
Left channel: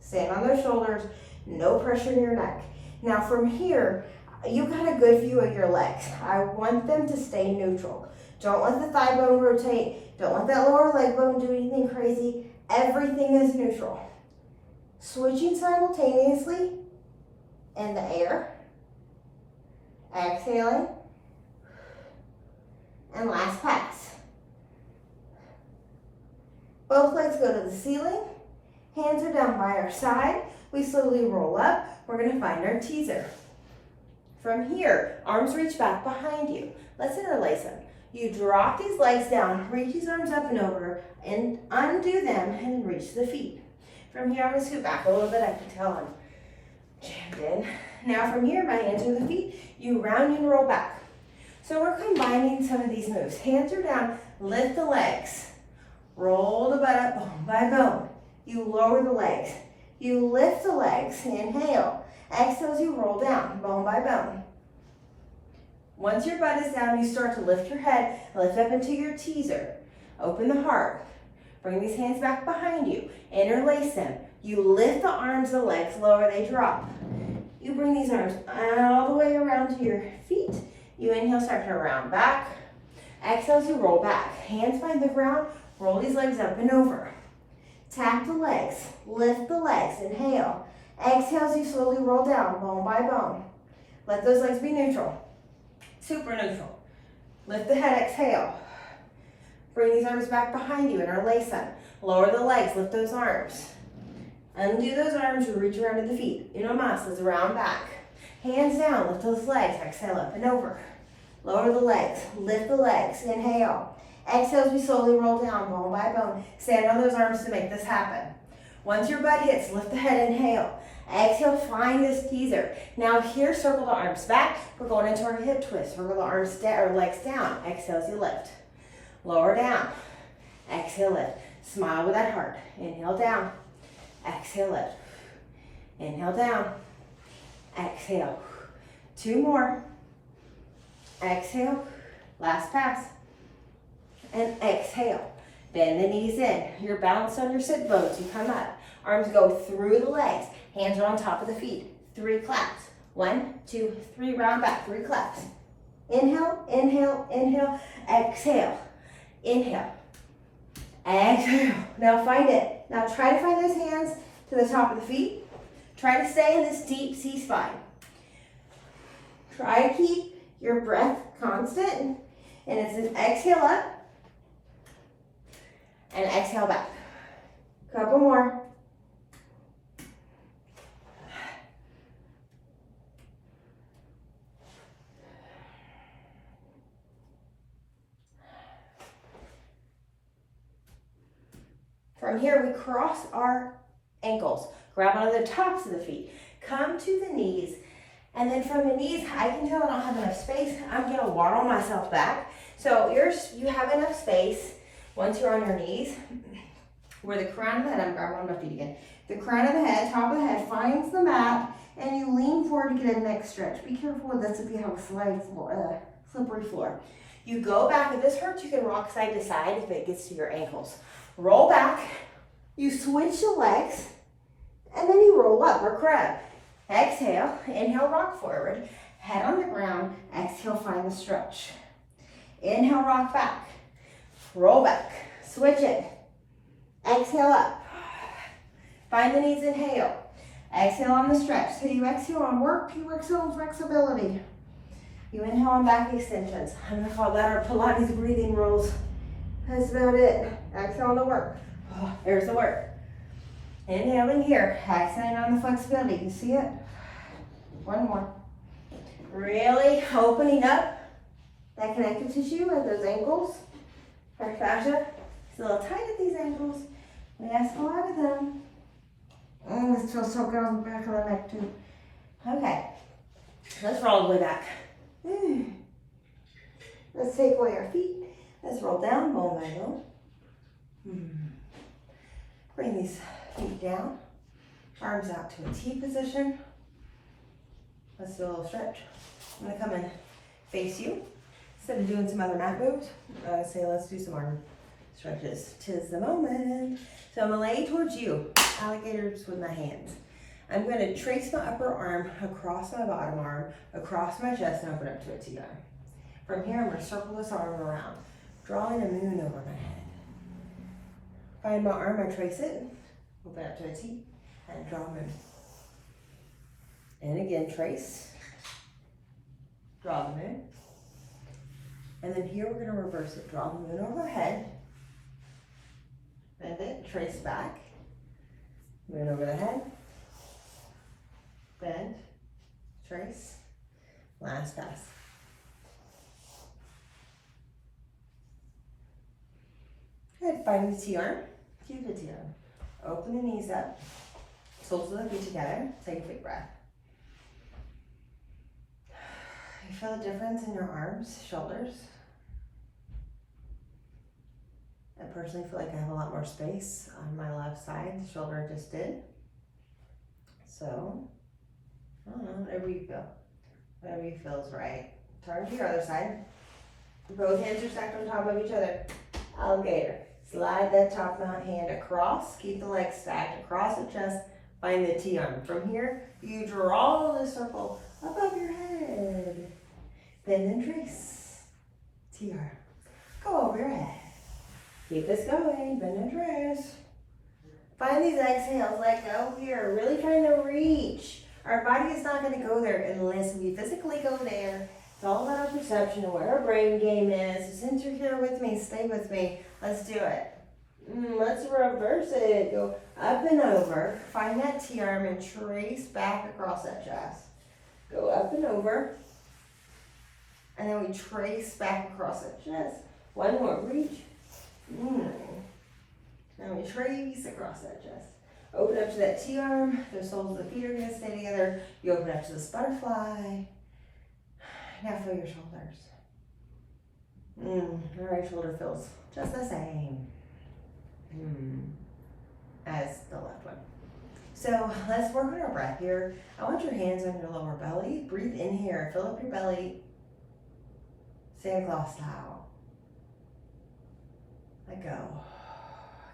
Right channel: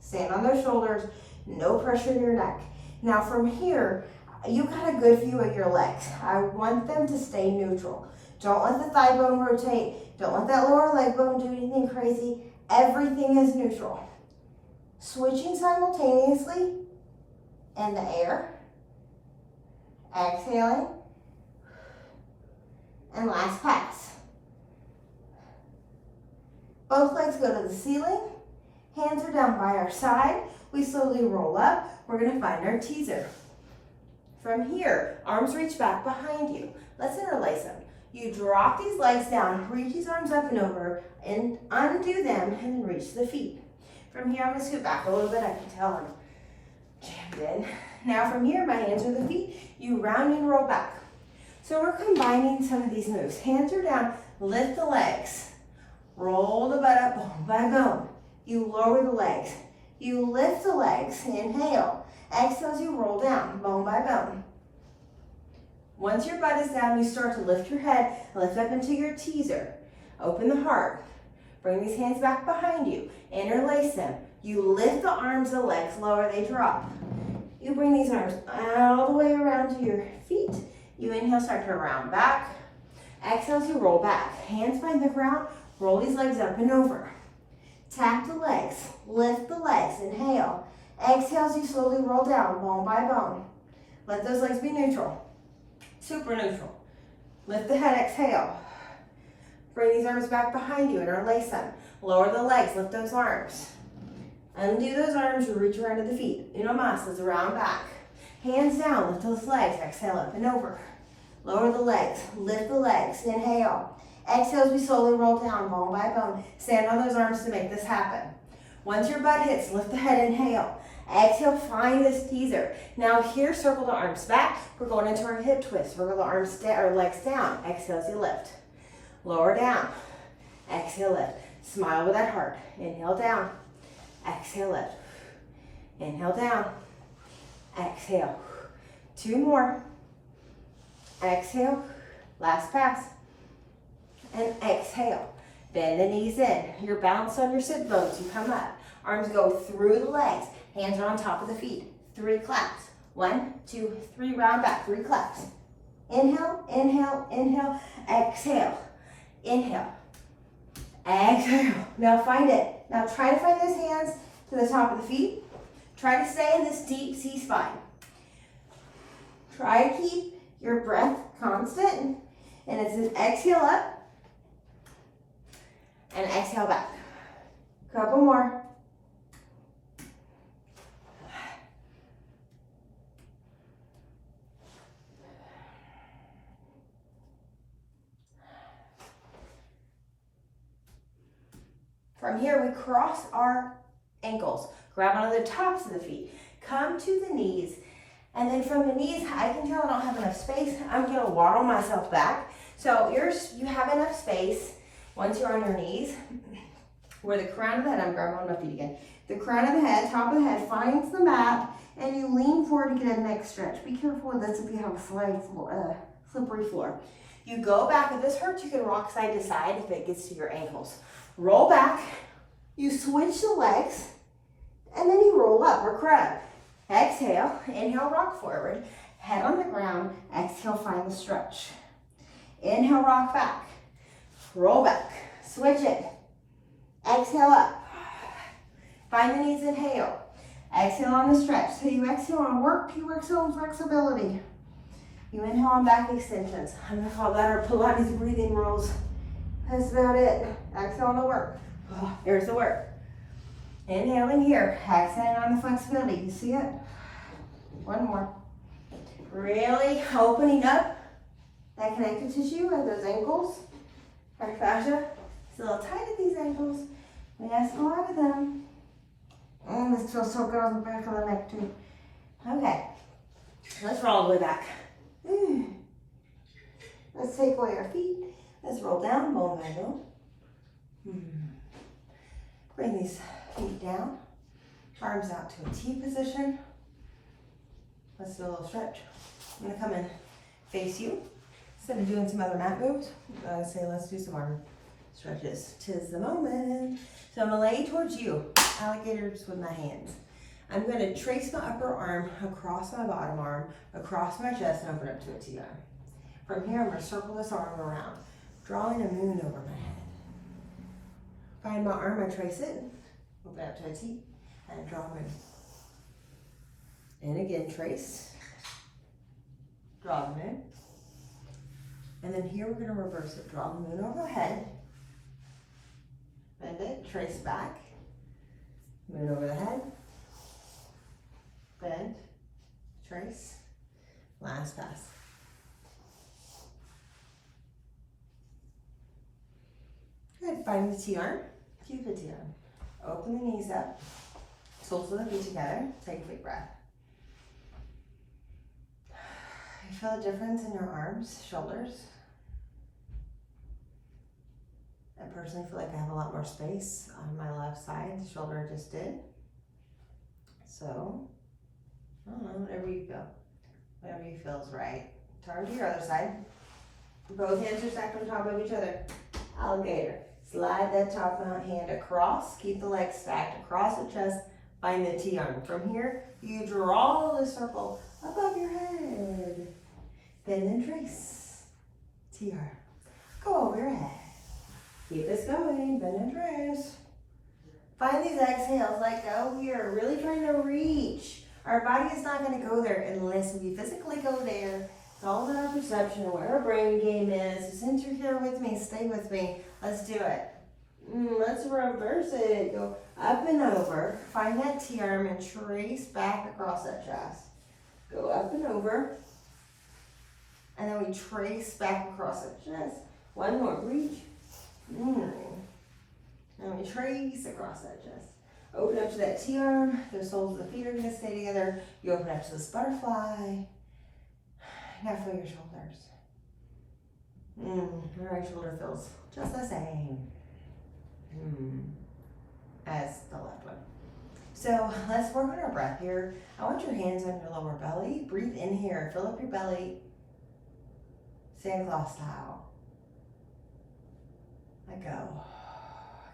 Stand on those shoulders. No pressure in your neck. Now from here, you got a good view of your legs. I want them to stay neutral. Don't let the thigh bone rotate. Don't let that lower leg bone do anything crazy. Everything is neutral. Switching simultaneously in the air. Exhaling. And last pass. Both legs go to the ceiling. Hands are down by our side. We slowly roll up. We're going to find our teaser. From here, arms reach back behind you. Let's interlace them. You drop these legs down, reach these arms up and over, and undo them, and then reach the feet. From here, I'm going to scoot back a little bit. I can tell I'm jammed in. Now from here, my hands are the feet. You round and roll back. So we're combining some of these moves. Hands are down, lift the legs. Roll the butt up bone by bone. You lower the legs. You lift the legs, inhale. Exhale as you roll down, bone by bone. Once your butt is down, you start to lift your head, lift up into your teaser. Open the heart. Bring these hands back behind you. Interlace them. You lift the arms, the legs lower, they drop. You bring these arms all the way around to your feet. You inhale, start to round back. Exhale as you roll back. Hands find the ground, roll these legs up and over. Tap the legs, lift the legs, inhale. Exhale as you slowly roll down, bone by bone. Let those legs be neutral, super neutral. Lift the head, exhale. Bring these arms back behind you, interlace them. Lower the legs, lift those arms. Undo those arms, you reach around to the feet. Uno mas, let's round back. Hands down, lift those legs, exhale up and over. Lower the legs, lift the legs, inhale. Exhale as we slowly roll down, bone by bone. Stand on those arms to make this happen. Once your butt hits, lift the head, inhale. Exhale, find this teaser. Now here, circle the arms back. We're going into our hip twist. Circle the arms down, or legs down. Exhale as you lift. Lower down. Exhale, lift. Smile with that heart. Inhale, down. Exhale, lift. Inhale, down. Exhale. 2 more. Exhale. Last pass. And exhale. Bend the knees in. You're balanced on your sit bones. You come up. Arms go through the legs. Hands are on top of the feet. 3 claps. 1, 2, 3. Round back. 3 claps. Inhale, inhale, inhale. Exhale. Inhale. Exhale. Now find it. Now try to find those hands to the top of the feet. Try to stay in this deep C spine. Try to keep your breath constant. And it's an exhale up and exhale back. Couple more. From here, we cross our ankles. Grab onto the tops of the feet. Come to the knees. And then from the knees, I can tell I don't have enough space. I'm gonna waddle myself back. So you have enough space once you're on your knees, where the crown of the head, I'm grabbing on my feet again. The crown of the head, top of the head finds the mat, and you lean forward to get a neck stretch. Be careful with this if you have a slippery floor. You go back. If this hurts, you can rock side to side if it gets to your ankles. Roll back. You switch the legs, and then you roll up or crab. Exhale, inhale, rock forward, head on the ground, exhale, find the stretch. Inhale, rock back, roll back, switch it, exhale up, find the knees, inhale, exhale on the stretch. So you exhale on work, you exhale on flexibility. You inhale on back extensions. I'm gonna call that our Pilates breathing rolls. That's about it. Exhale on the work. Oh, there's the work. Inhaling here, exhaling on the flexibility. You see it? 1 more. Really opening up that connective tissue at those ankles. Our fascia. It's a little tight at these ankles. We ask a lot of them. Oh, this feels so good on the back of the neck too. Okay, let's roll all the way back. Let's take away our feet. Let's roll down, bone angle. Bring these feet down, arms out to a T position. Let's do a little stretch. I'm gonna come and face you. Instead of doing some other mat moves, I say let's do some arm stretches. 'Tis the moment. So I'm gonna lay towards you, alligators with my hands. I'm gonna trace my upper arm across my bottom arm, across my chest, and open up to a T arm. From here, I'm gonna circle this arm around, drawing a moon over my head. Find my arm, I trace it, open up to a T, and draw a moon. And again, trace, draw the moon. And then here we're gonna reverse it. Draw the moon overhead, bend it, trace back, moon over the head, bend, trace, last pass. Good, find the T-arm, keep the T-arm. Open the knees up, soles of the feet together, take a big breath. You feel the difference in your arms, shoulders? I personally feel like I have a lot more space on my left side. The shoulder just did. So, I don't know, whatever you feel. Whatever you feel is right. Turn to your other side. Both hands are stacked on top of each other. Alligator. Slide that top hand across. Keep the legs stacked across the chest. Find the T-arm. From here, you draw the circle above your head. Bend and trace. T-arm. Go over your head. Keep this going. Bend and trace. Find these exhales. Let go here. Really trying to reach. Our body is not going to go there unless we physically go there. It's all about our perception of where our brain game is. So since you're here with me, stay with me. Let's do it. Let's reverse it. Go up and over. Find that T-arm and trace back across that chest. Go up and over. And then we trace back across that chest. One more. Reach. And we trace across that chest. Open up to that T-arm. The soles of the feet are going to stay together. You open up to this butterfly. Now feel your shoulders. The right shoulder feels just the same as the left one. So let's work on our breath here. I want your hands on your lower belly. Breathe in here, fill up your belly, Santa Claus style. Let go.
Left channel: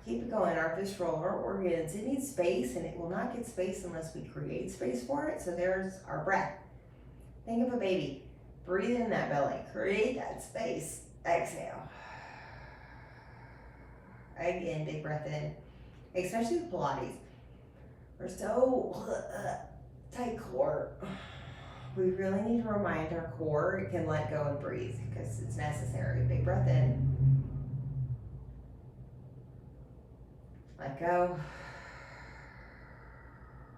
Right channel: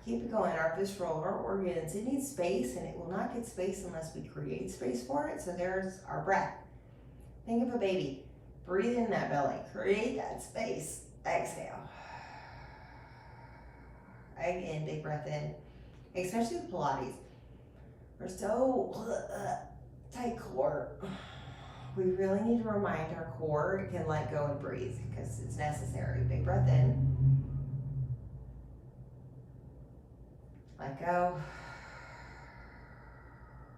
Keep it going. Our visceral, our organs, it needs space, and it will not get space unless we create space for it. So there's our breath. Think of a baby. Breathe in that belly. Create that space. Exhale. Again, big breath in. Especially with Pilates. We're so tight core. We really need to remind our core it can let go and breathe because it's necessary. Big breath in. Let go.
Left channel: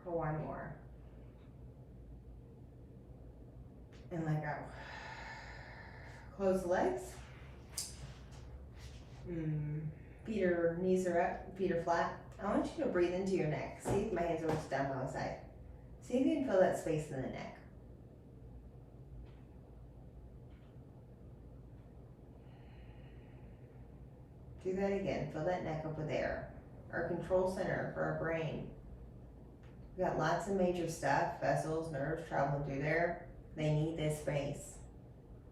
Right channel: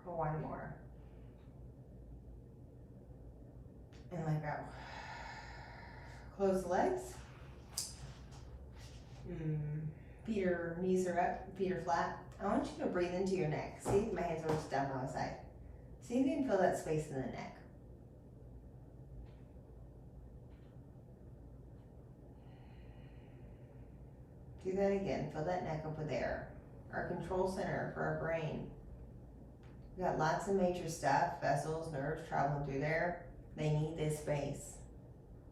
One more. And let go. Close the legs. Knees are up, feet are flat. I want you to breathe into your neck. See if my hands are just down by my side. See if you can feel that space in the neck. Do that again. Feel that neck over there. Our control center for our brain. We got lots of major stuff, vessels, nerves traveling through there. They need this space.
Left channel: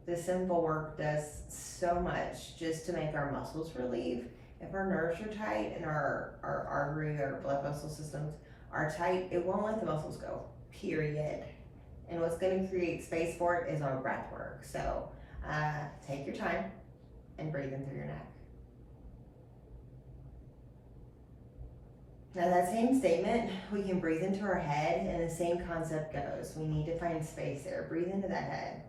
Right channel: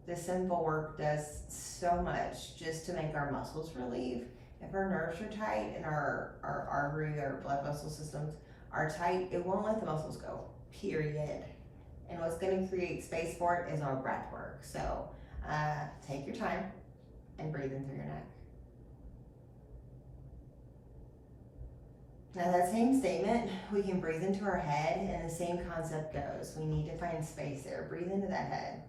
This simple work does so much just to make our muscles relieve. If our nerves are tight and our artery, our blood vessel systems are tight, it won't let the muscles go, period. And what's going to create space for it is our breath work. So take your time and breathe in through your neck. Now that same statement, we can breathe into our head, and the same concept goes. We need to find space there. Breathe into that head.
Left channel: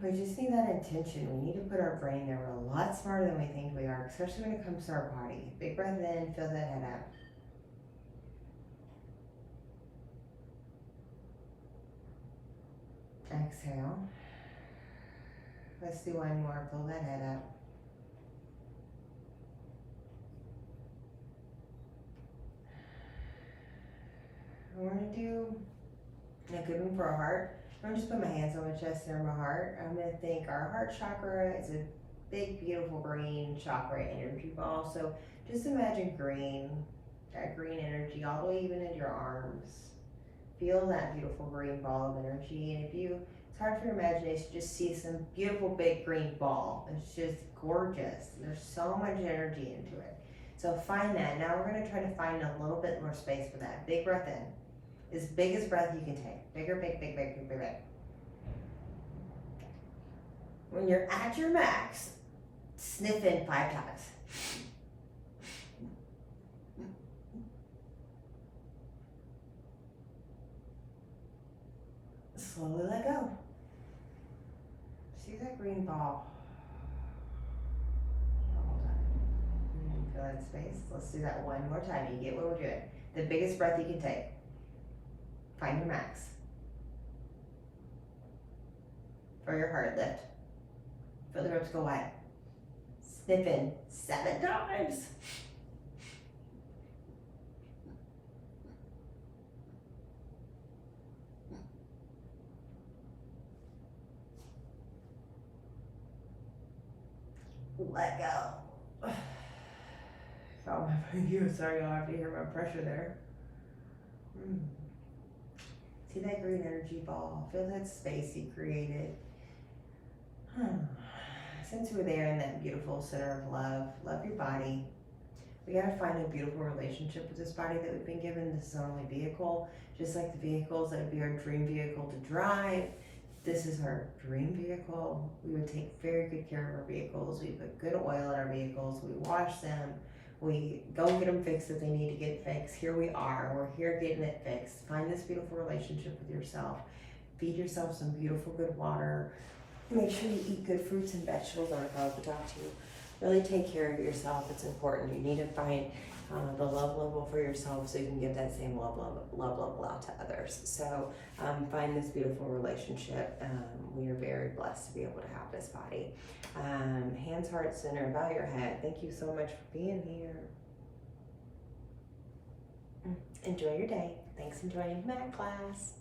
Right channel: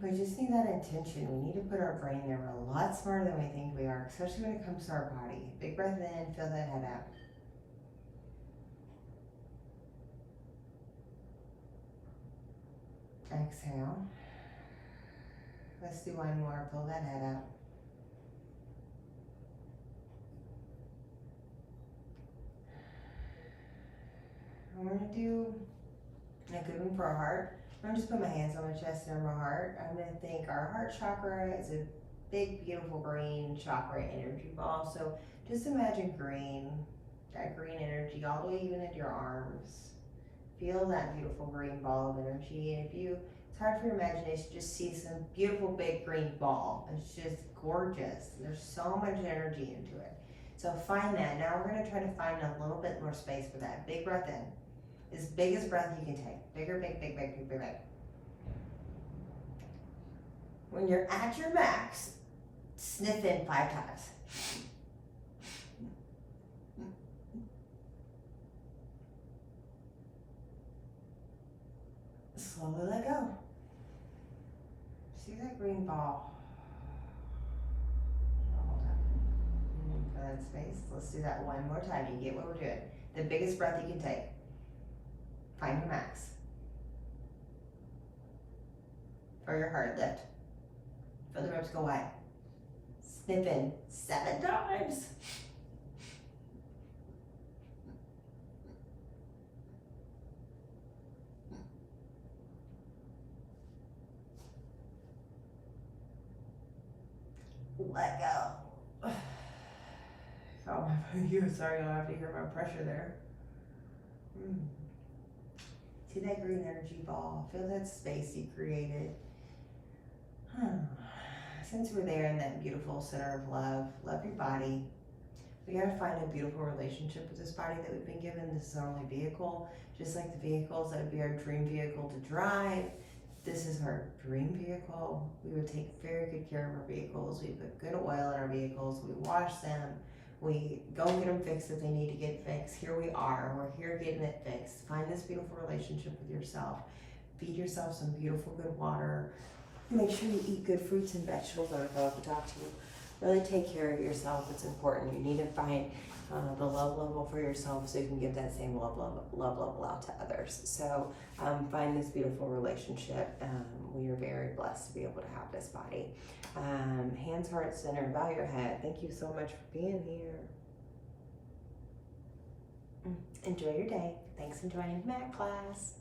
We just need that intention. We need to put our brain there. We're a lot smarter than we think we are, especially when it comes to our body. Big breath in, fill that head out. Exhale. Let's do one more. Fill that head out. We're going to do a good one for our heart. I'm going to just put my hands on my chest and my heart. I'm going to think our heart chakra is a big, beautiful green chakra energy ball. So just imagine green, that green energy all the way even into your arms. Feel that beautiful green ball of energy. And it's hard for your imagination, just see some beautiful big green ball. It's just gorgeous. There's so much energy into it. So find that. Now we're going to try to find a little bit more space for that. Big breath in. As big as breath you can take. Bigger, big, big, big, big, big, big. When you're at your max, sniff in 5 times. Slowly let go. See that green ball? Hold on. Feel that space. Let's do that one more time. You get what we're doing. The biggest breath you can take. Find your max. For your heart, lift. Feel the ribs go wide. Sniff in 7 times. Let go. Oh, you sorry, you'll have to hear my pressure there. See that green energy ball. Feel that space you created. Since we're there in that beautiful center of love, love your body. We gotta find a beautiful relationship with this body that we've been given. This is our only vehicle. Just like the vehicles that would be our dream vehicle to drive. This is our dream vehicle. We would take very good care of our vehicles. We put good oil in our vehicles. We wash them. We go get them fixed if they need to get fixed. Here we are. We're here getting it fixed. Find this beautiful relationship with yourself. Feed yourself some beautiful, good water. Make sure you eat good fruits and vegetables. I forgot to talk to you. Really take care of yourself. It's important. You need to find the love level for yourself so you can give that same love level out to others. So find this beautiful relationship. We are very blessed to be able to have this body. Hands, heart, center, bow your head. Thank you so much for being here. Enjoy your day. Thanks for joining Mat class.